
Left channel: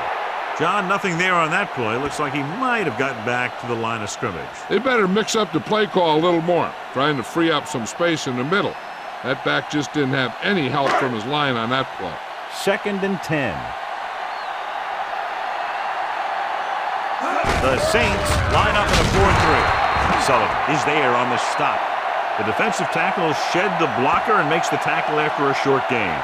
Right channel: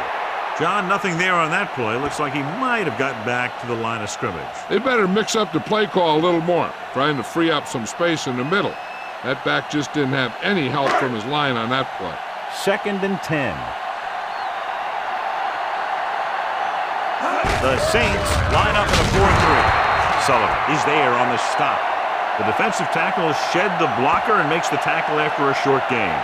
John, nothing there on that play. Looks like he might have gotten back to the line of scrimmage. They better mix up the play call a little more, trying to free up some space in the middle. That back just didn't have any help from his line on that play. 2nd and 10. The Saints line up in a 4-3. Sullivan is there on the stop. The defensive tackle shed the blocker and makes the tackle after a short gain.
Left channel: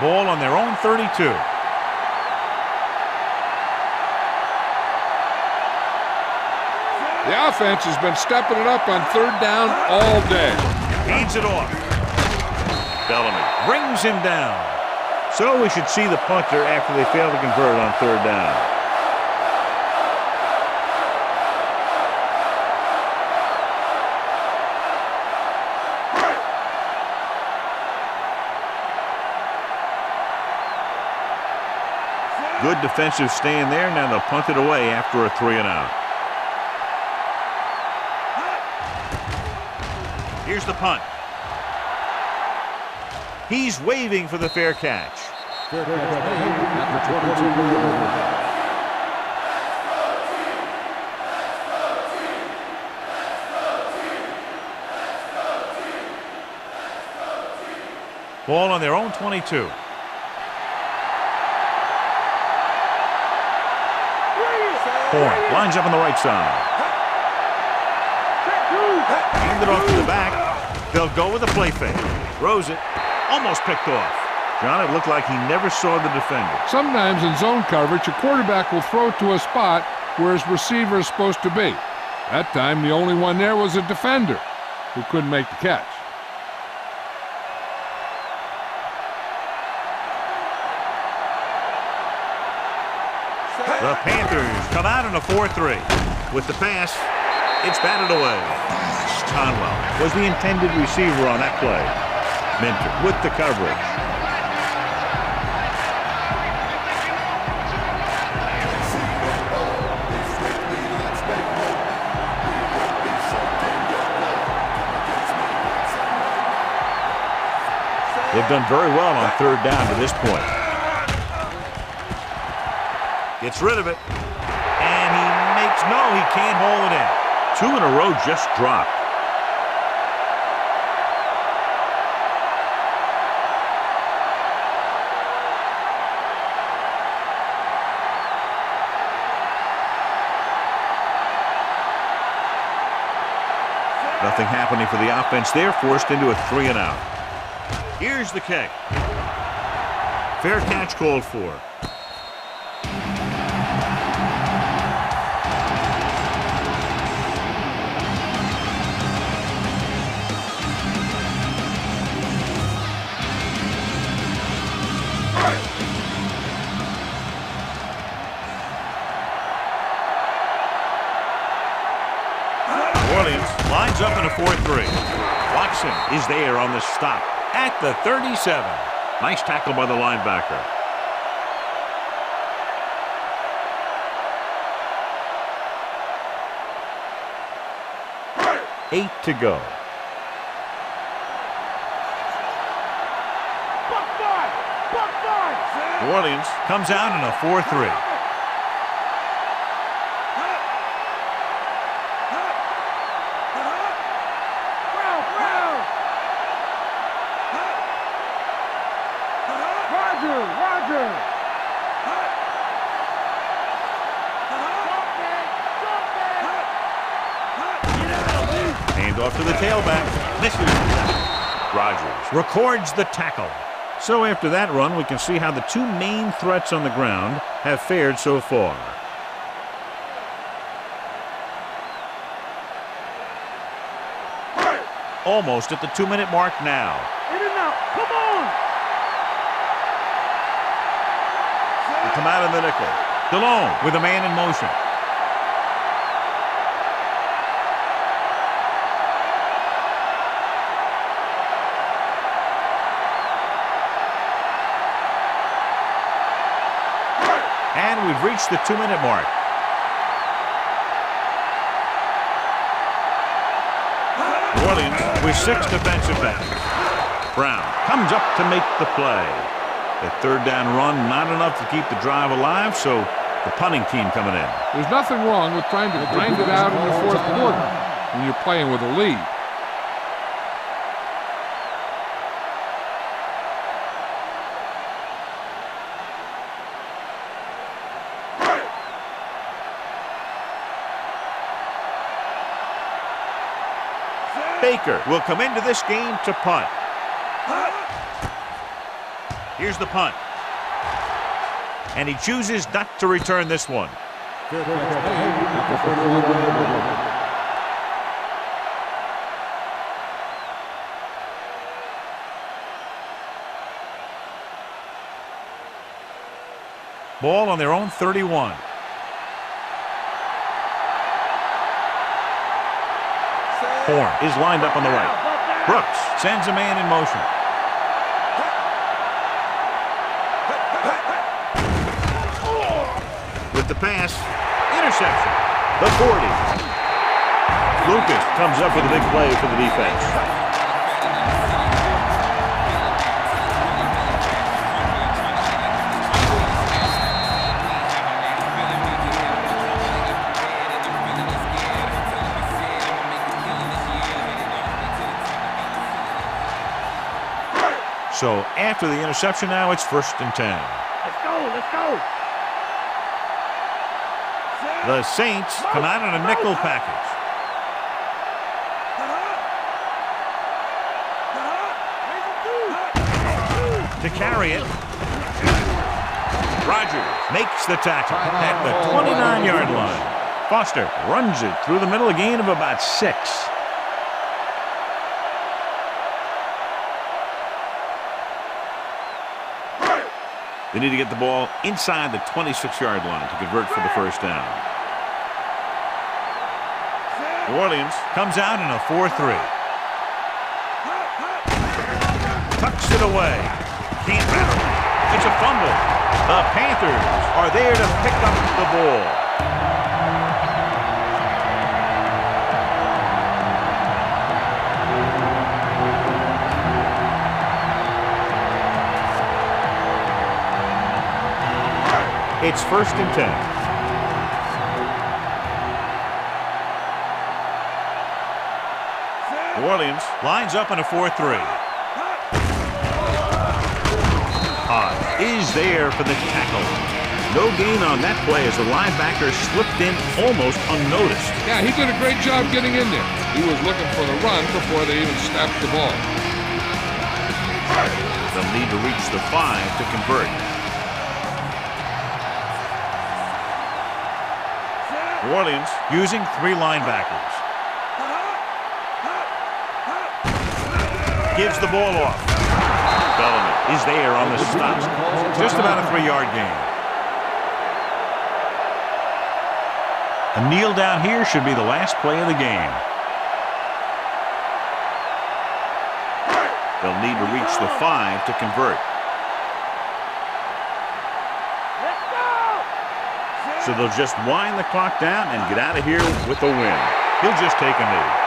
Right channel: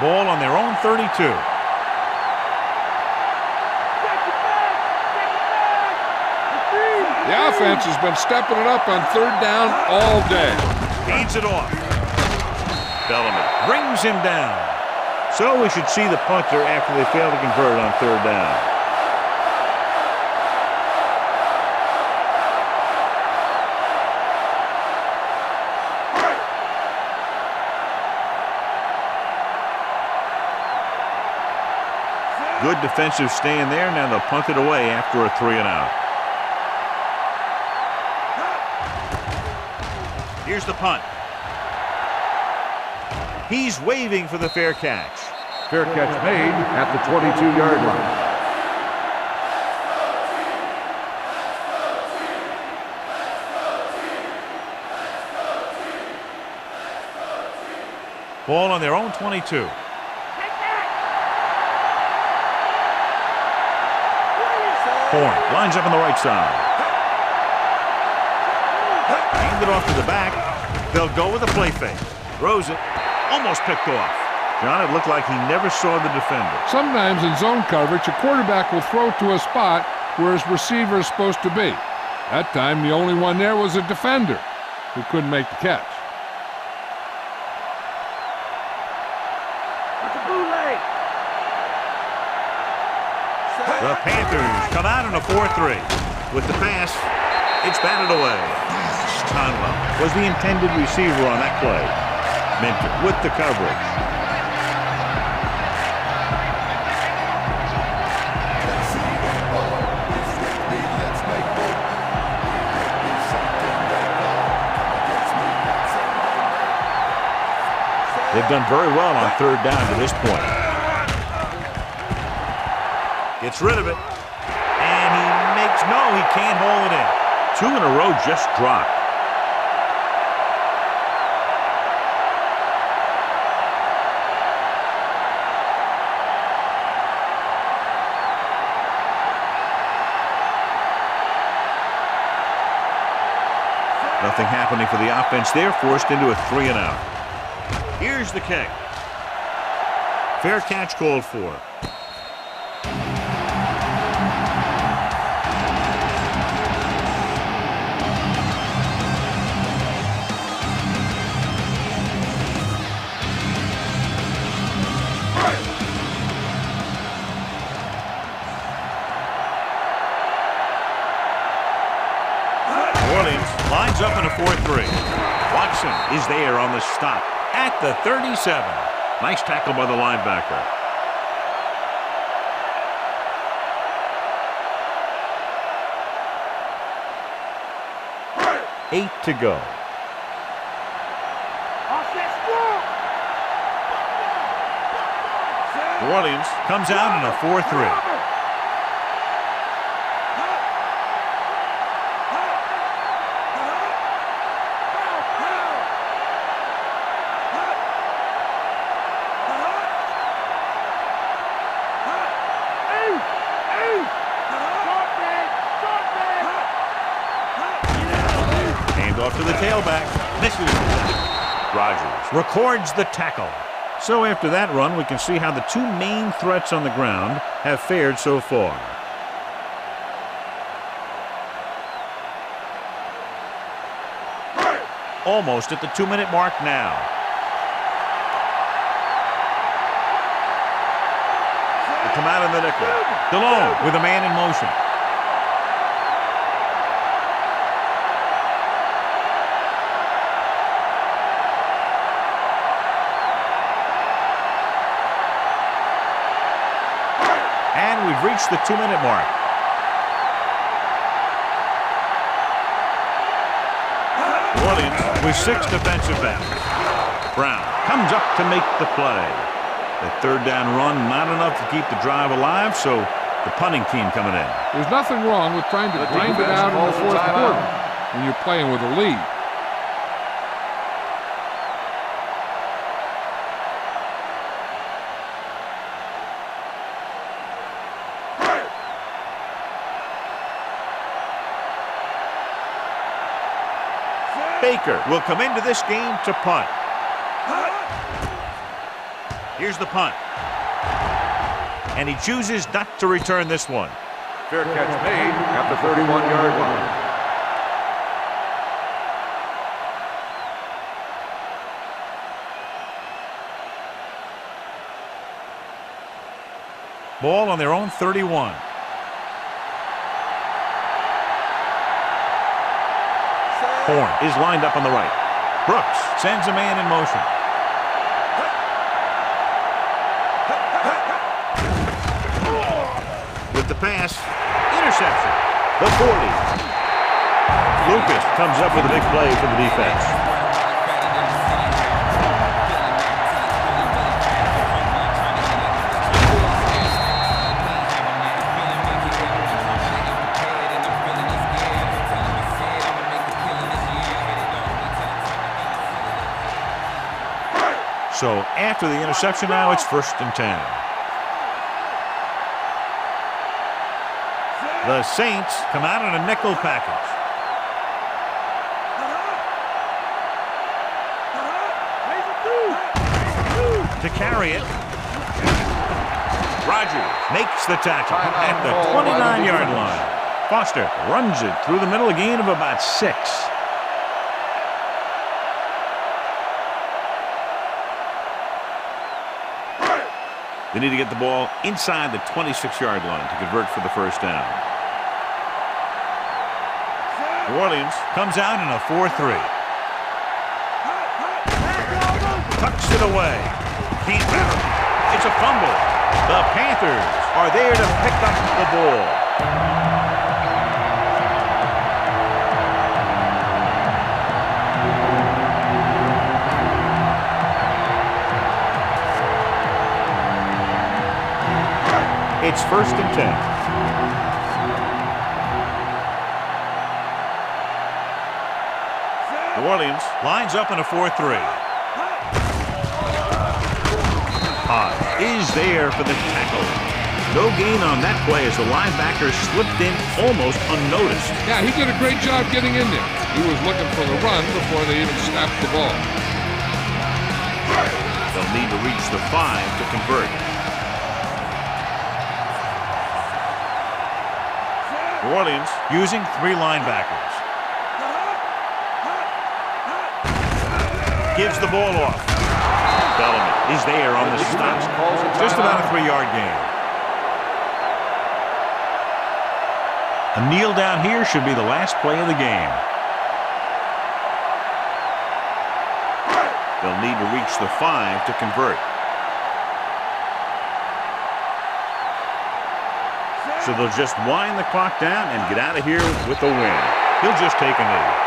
Ball on their own 32. The offense has been stepping it up on 3rd down all day. Hands it off. Bellamy brings him down. So we should see the punter after they fail to convert on 3rd down. Good defensive stand there. Now they'll punt it away after a 3-and-out. Here's the punt. He's waving for the fair catch. Fair catch made at the 22-yard line. Ball on their own 22. Horn lines up on the right side. Hand it off to the back. They'll go with a play fake. Throws it. Almost picked off. John, it looked like he never saw the defender. Sometimes in zone coverage, a quarterback will throw to a spot where his receiver is supposed to be. That time, the only one there was a defender who couldn't make the catch. The Panthers come out in a 4-3. With the pass, it's batted away. Conwell was the intended receiver on that play. Minter with the coverage. They've done very well on 3rd down to this point. Gets rid of it. And he makes, no, he can't hold it in. 2 in a row just dropped. Nothing happening for the offense there, forced into a 3-and-out. Here's the kick. Fair catch called for. Lines up in a 4-3. Watson is there on the stop at the 37. Nice tackle by the linebacker. Eight to go. New Orleans comes out in a 4-3. Off to the tailback. Misses. Rodgers records the tackle. So after that run, we can see how the two main threats on the ground have fared so far. Almost at the 2-minute mark now. They come out in the nickel. DeLone with a man in motion. And we've reached the 2-minute mark. New Orleans with 6 defensive backs. Brown comes up to make the play. The third down run, not enough to keep the drive alive, so the punting team coming in. There's nothing wrong with trying to grind it out in the fourth quarter when you're playing with a lead. Baker will come into this game to punt. Here's the punt. And he chooses not to return this one. Fair catch made at the 31-yard line. Ball on their own 31. Horn is lined up on the right. Brooks sends a man in motion. With the pass, interception. The 40. Lucas comes up with a big play for the defense. So after the interception now, it's 1st and 10. The Saints come out in a nickel package. To carry it. Rodgers makes the tackle at the 29-yard line. Foster runs it through the middle, a gain of about 6. They need to get the ball inside the 26-yard line to convert for the first down. New Orleans comes out in a 4-3. Tucks it away. Can't grab it. It's a fumble. The Panthers are there to pick up the ball. It's 1st and 10. New Orleans lines up in a 4-3. Hodge is there for the tackle. No gain on that play as the linebacker slipped in almost unnoticed. Yeah, he did a great job getting in there. He was looking for the run before they even snapped the ball. They'll need to reach the 5 to convert. New Orleans using 3 linebackers. Gives the ball off. Bellamy is there on the stop. Just about a 3-yard gain. A kneel down here should be the last play of the game. They'll need to reach the 5 to convert. So they'll just wind the clock down and get out of here with a win. He'll just take a knee.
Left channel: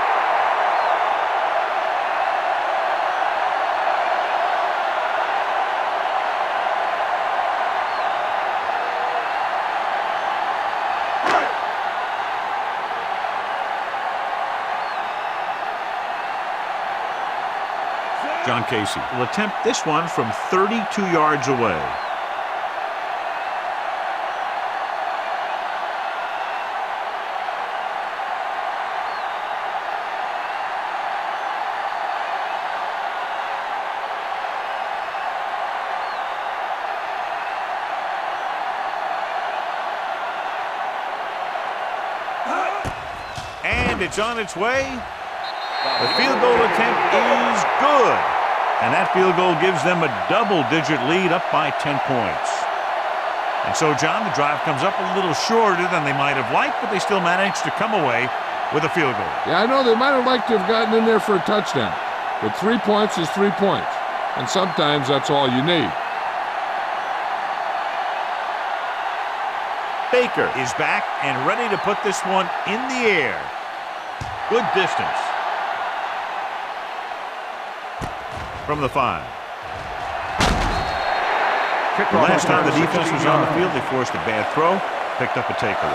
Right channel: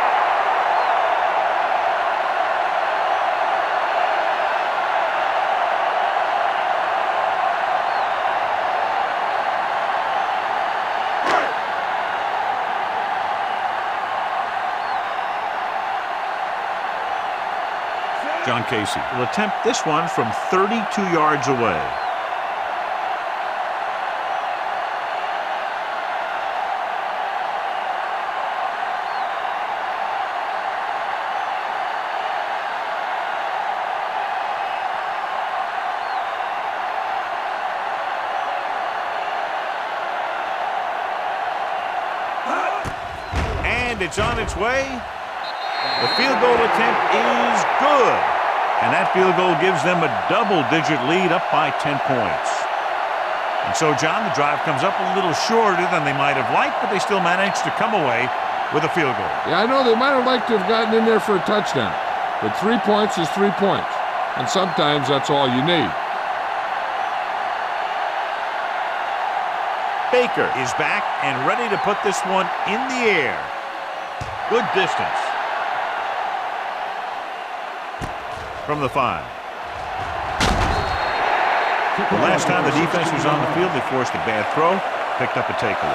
John Casey will attempt this one from 32 yards away. And it's on its way. The field goal attempt is good. And that field goal gives them a double-digit lead, up by 10 points. And so, John, the drive comes up a little shorter than they might have liked, but they still managed to come away with a field goal. Yeah, I know they might have liked to have gotten in there for a touchdown, but 3 points is 3 points, and sometimes that's all you need. Baker is back and ready to put this one in the air. Good distance. From the 5. The last time the defense was on the field, they forced a bad throw, picked up a takeaway.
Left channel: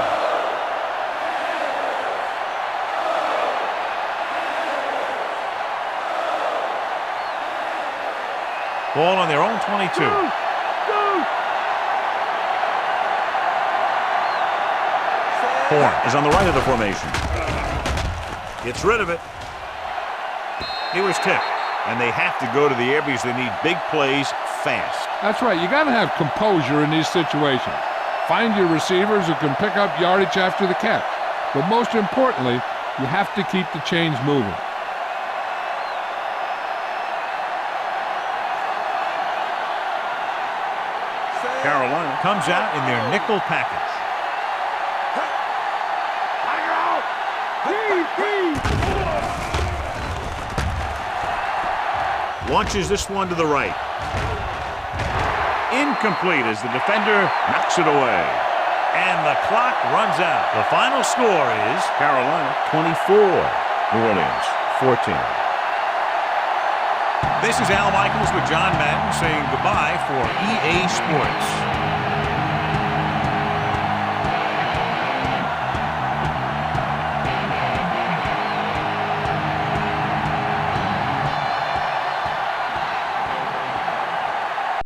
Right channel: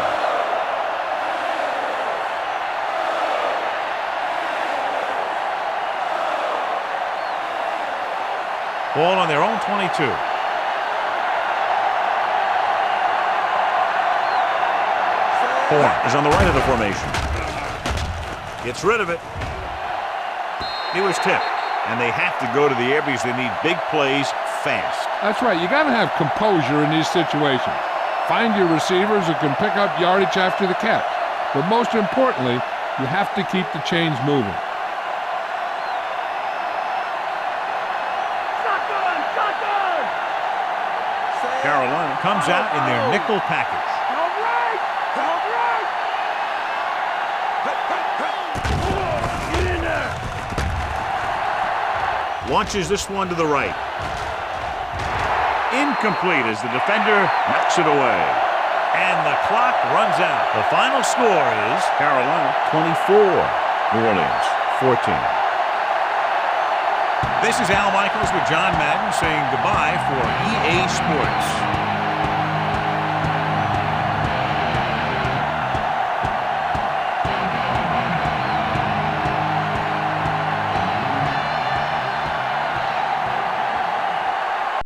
Ball on their own 22. Horn is on the right of the formation. Gets rid of it. It was tipped. And they have to go to the air because they need big plays fast. That's right. You got to have composure in these situations. Find your receivers who can pick up yardage after the catch. But most importantly, you have to keep the chains moving. Carolina comes out in their nickel package. Launches this one to the right. Incomplete as the defender knocks it away. And the clock runs out. The final score is Carolina 24, New Orleans 14. This is Al Michaels with John Madden saying goodbye for EA Sports.